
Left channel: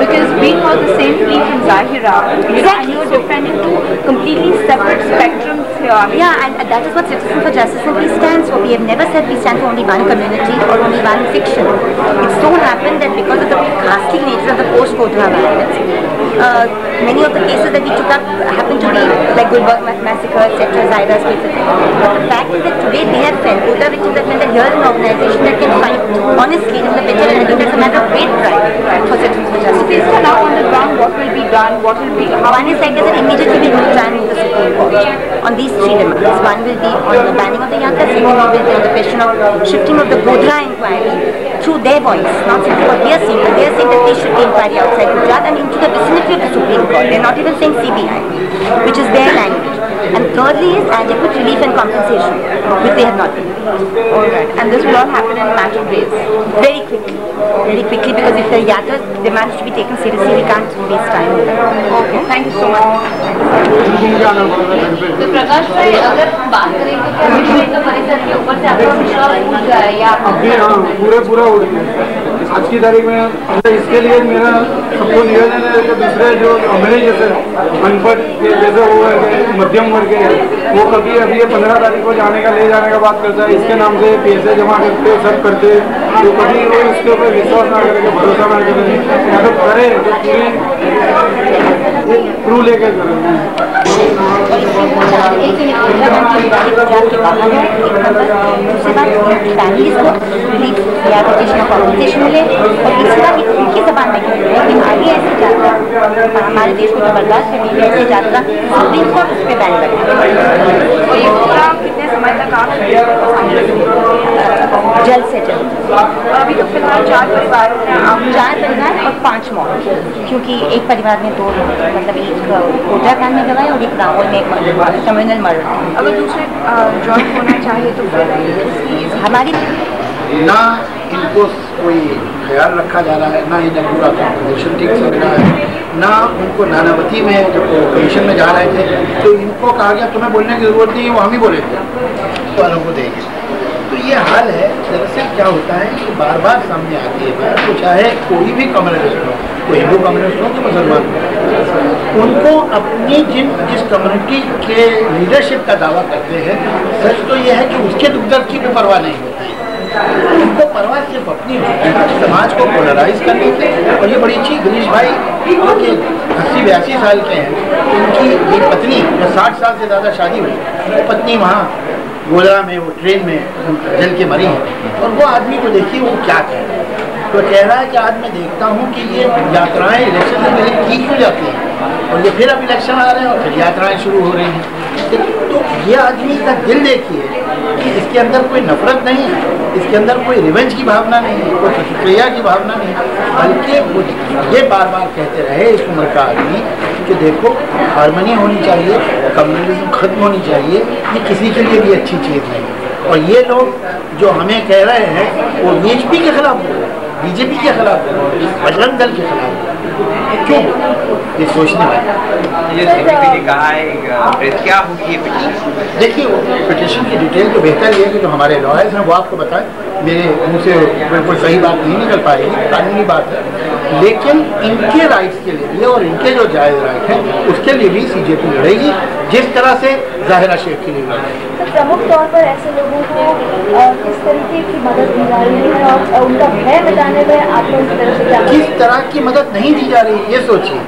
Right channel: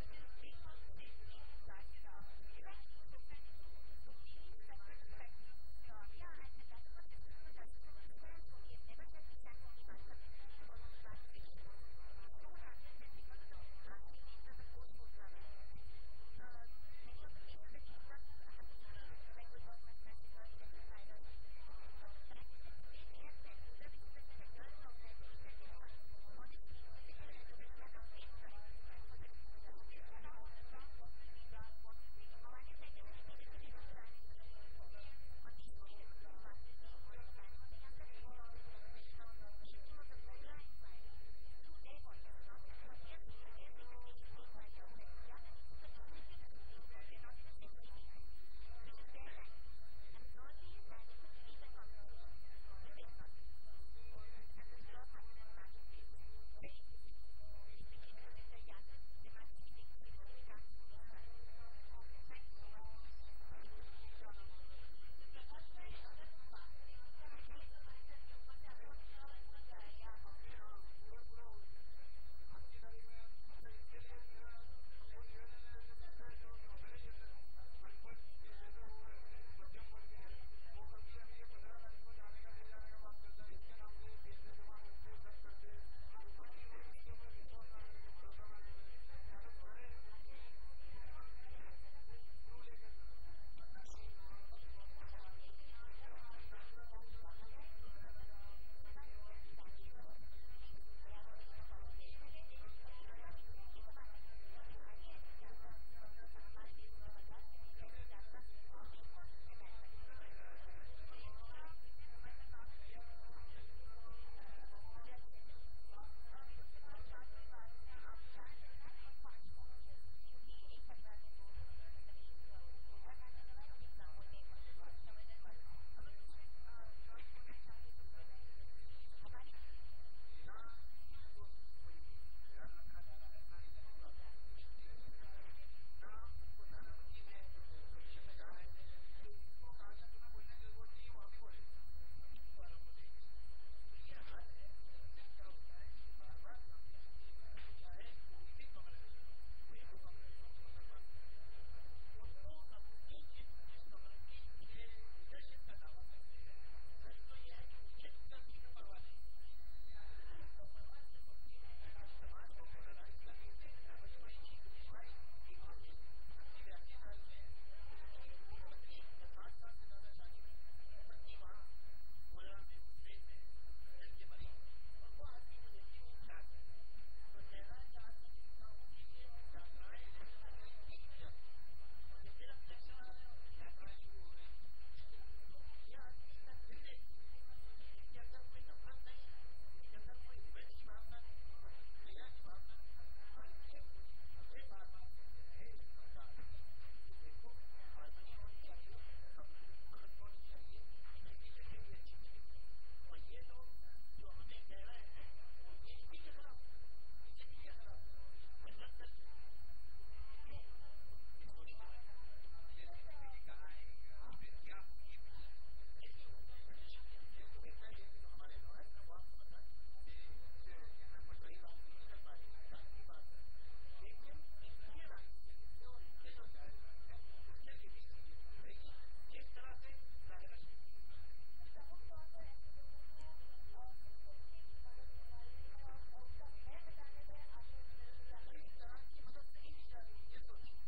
Because we know the same thing from Zahira. Exactly. You're defending two completely separate spectrums here. Yeah, and that is what Citizens for Justice simply stands for. We have never said we stand for only one community or only one fiction. It so happened that because of the ghastly nature of the post-Godhra violence, many of the cases that we took up happened to be like Gulbarg massacre, etc., Zahira's case, etc. But the fact is that today they have felt, Godhra victims have felt that here is an organization that can fight honestly in the bitter, and I think that's a matter of great pride for Citizens for Justice. If it's now on the ground, what will be done? What will be? One is like that immediately we will try and move the Supreme Court on these three demands. One will be on the banning of the Yatra, second will be on the question of shifting of the Godhra inquiry through their voice, not simply what we are saying, but they are saying that they should be inquiry outside Gujarat and into the vicinity of the Supreme Court. They are not even saying CBI, which is their language. And thirdly is adequate relief and compensation, which they have not been. Alright, and this will all happen in a matter of days? Very quickly, because if the Yatra demands to be taken seriously, we can't waste time. Okay, thank you so much. तो प्रकाश भाई, अगर हम बात करें तो क्या विश्व परिषद के ऊपर से आपका विश्वास उठ गया है या पूरा उठ गया। आज की तारीख में इसके लिए मेरा सबको निवेदन है कि दूसरे जो हमारे जैसे अनपढ़ जैसे वो है मध्यम वर्ग के वो कभी अभी 15 तारीख को जाने का ले जाने का बात करता है, इसके नाम से पैसे जमा करते सब करते, तो कभी वो इसके ऊपर विश्वास ना करके भरोसा ना करें, या तो करे तो पूरी प्रू लेकर हमारे देश को जो बर्दाश्त करनी है ऐसी यात्रा सुप्रीम कोर्ट उस पर बैन लगा। और ये प्रोग्राम कितने समय तक आप जल्द से जल्द। अभी तो फिलहाल 4 परिवार और 5 मौत, क्योंकि एक परिवार में 2 मतलब एक कोटराकांड में गवाए और एक राहुल में एक कम्युनल मर्डर। अगर दूसरे ज्वाइन होना चाहिए तो फिर हमारी ना इनको कोई ख्याल रखा जा रहा है, ना इन्हें पूरा कॉम्पोजिशन ठीक चल रहा है, ना उनको नानावती में जब कमीशन में जा रहे थे तो इनको कहा गया तुम्हें बोलने की ज़रूरत नहीं है, वो हम ही बोलेंगे वालों को देंगे। तो ये हाल है। दरअसल क्या होता है कि बार बार सामने आती है बात, तो चाहे कोई भी कम्युनिस्ट हो, कोई हिंदू कम्युनिस्ट हो कि मुसलमान हो, उनको अपनी जिस कम्युनिटी के लीडरशिप का दावा करते हैं, सच तो ये है कि उसके दुख दर्द की भी परवाह नहीं होती। उनको परवाह सिर्फ अपनी होती है, समाज को पोलराइज करने की। और ये बड़ी अच्छी गिरीश भाई जो कि 80-82 साल के हैं, उनकी ये पत्नी जो 60 साल से ज़्यादा शादी हुई, पत्नी वहाँ गोधरा में वो ट्रेन में जल के मरी है। और वो आदमी को देखिए वो क्या कह रहा है, तो कह रहा है कि आज मैं देखता हूँ कि ये यात्राएं इलेक्शन से पहले की क्यों जाती हैं, और ये फिर अब इलेक्शन आ रहे हैं और फिर यात्राएं शुरू हो रही हैं। तो ये आदमी का दिल देखिए कि इसके अंदर कोई नफरत नहीं है, इसके अंदर कोई रिवेंज की भावना नहीं है, कोई प्रतिक्रिया की भावना नहीं है, बल्कि ये बार बार कहते रहे इस उम्र का आदमी कि देखो हारमोनी होनी चाहिए, कम्युनलिज्म खत्म होनी चाहिए, ये किसी के लिए भी अच्छी चीज़ नहीं। और ये लोग जो हमें कह रहे हैं वो बीजेपी के खिलाफ हो, बीजेपी के खिलाफ हो, बजरंग दल के खिलाफ हो, क्यों? ये सोचने वाले। ये सीपीपी ने कहा है क्या होगी ये पिटीशन? देखिए वो पिटीशन की डिटेल तो बेहतर ये है कि जो हमारे लॉयर्स हैं वो आपको बताएं, मेरे मुँह से बिल्कुल सही बात नहीं निकल पाएगी, कानूनी बात है, लेकिन इनके राइट्स के लिए भी और इनके जो जायज़ राइट हैं उसके लिए भी सीजेपी लड़ेगी, जिस तरह से ज़ाहिरा शेख के लिए लड़ेगी। तो प्रमुख तौर पर ऐसे लोगों को किस तरीके की मदद दी जा रही है और उनका भय मिटाने में आप लोग इस तरह से क्या किस तरह की मदद नहीं दी जा रही ये सोचिए।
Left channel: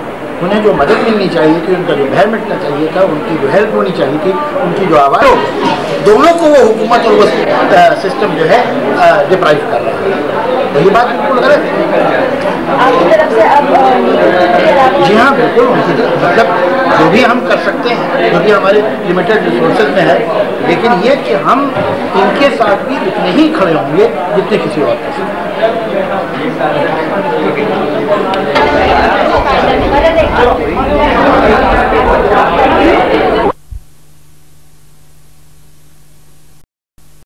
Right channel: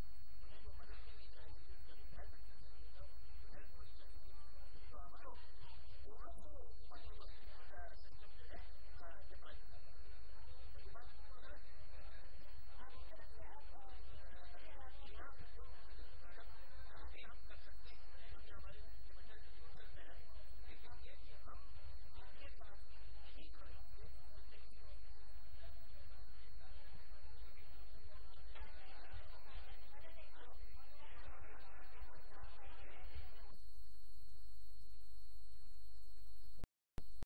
उन्हें जो मदद मिलनी चाहिए थी, उनका जो भय मिटना चाहिए था, उनकी जो हेल्प होनी चाहिए थी, उनकी जो आवाज़, दोनों को वो हुकूमत और वो सिस्टम जो है डिप्राइव कर रहा है। तो ये बात बिल्कुल गलत है। आपकी तरफ से अब जी हाँ बिल्कुल, मतलब जो भी हम कर सकते हैं जो भी हमारे लिमिटेड रिसोर्सेज में है, लेकिन ये कि हम इनके साथ भी उतने ही खड़े होंगे जितने किसी और के साथ।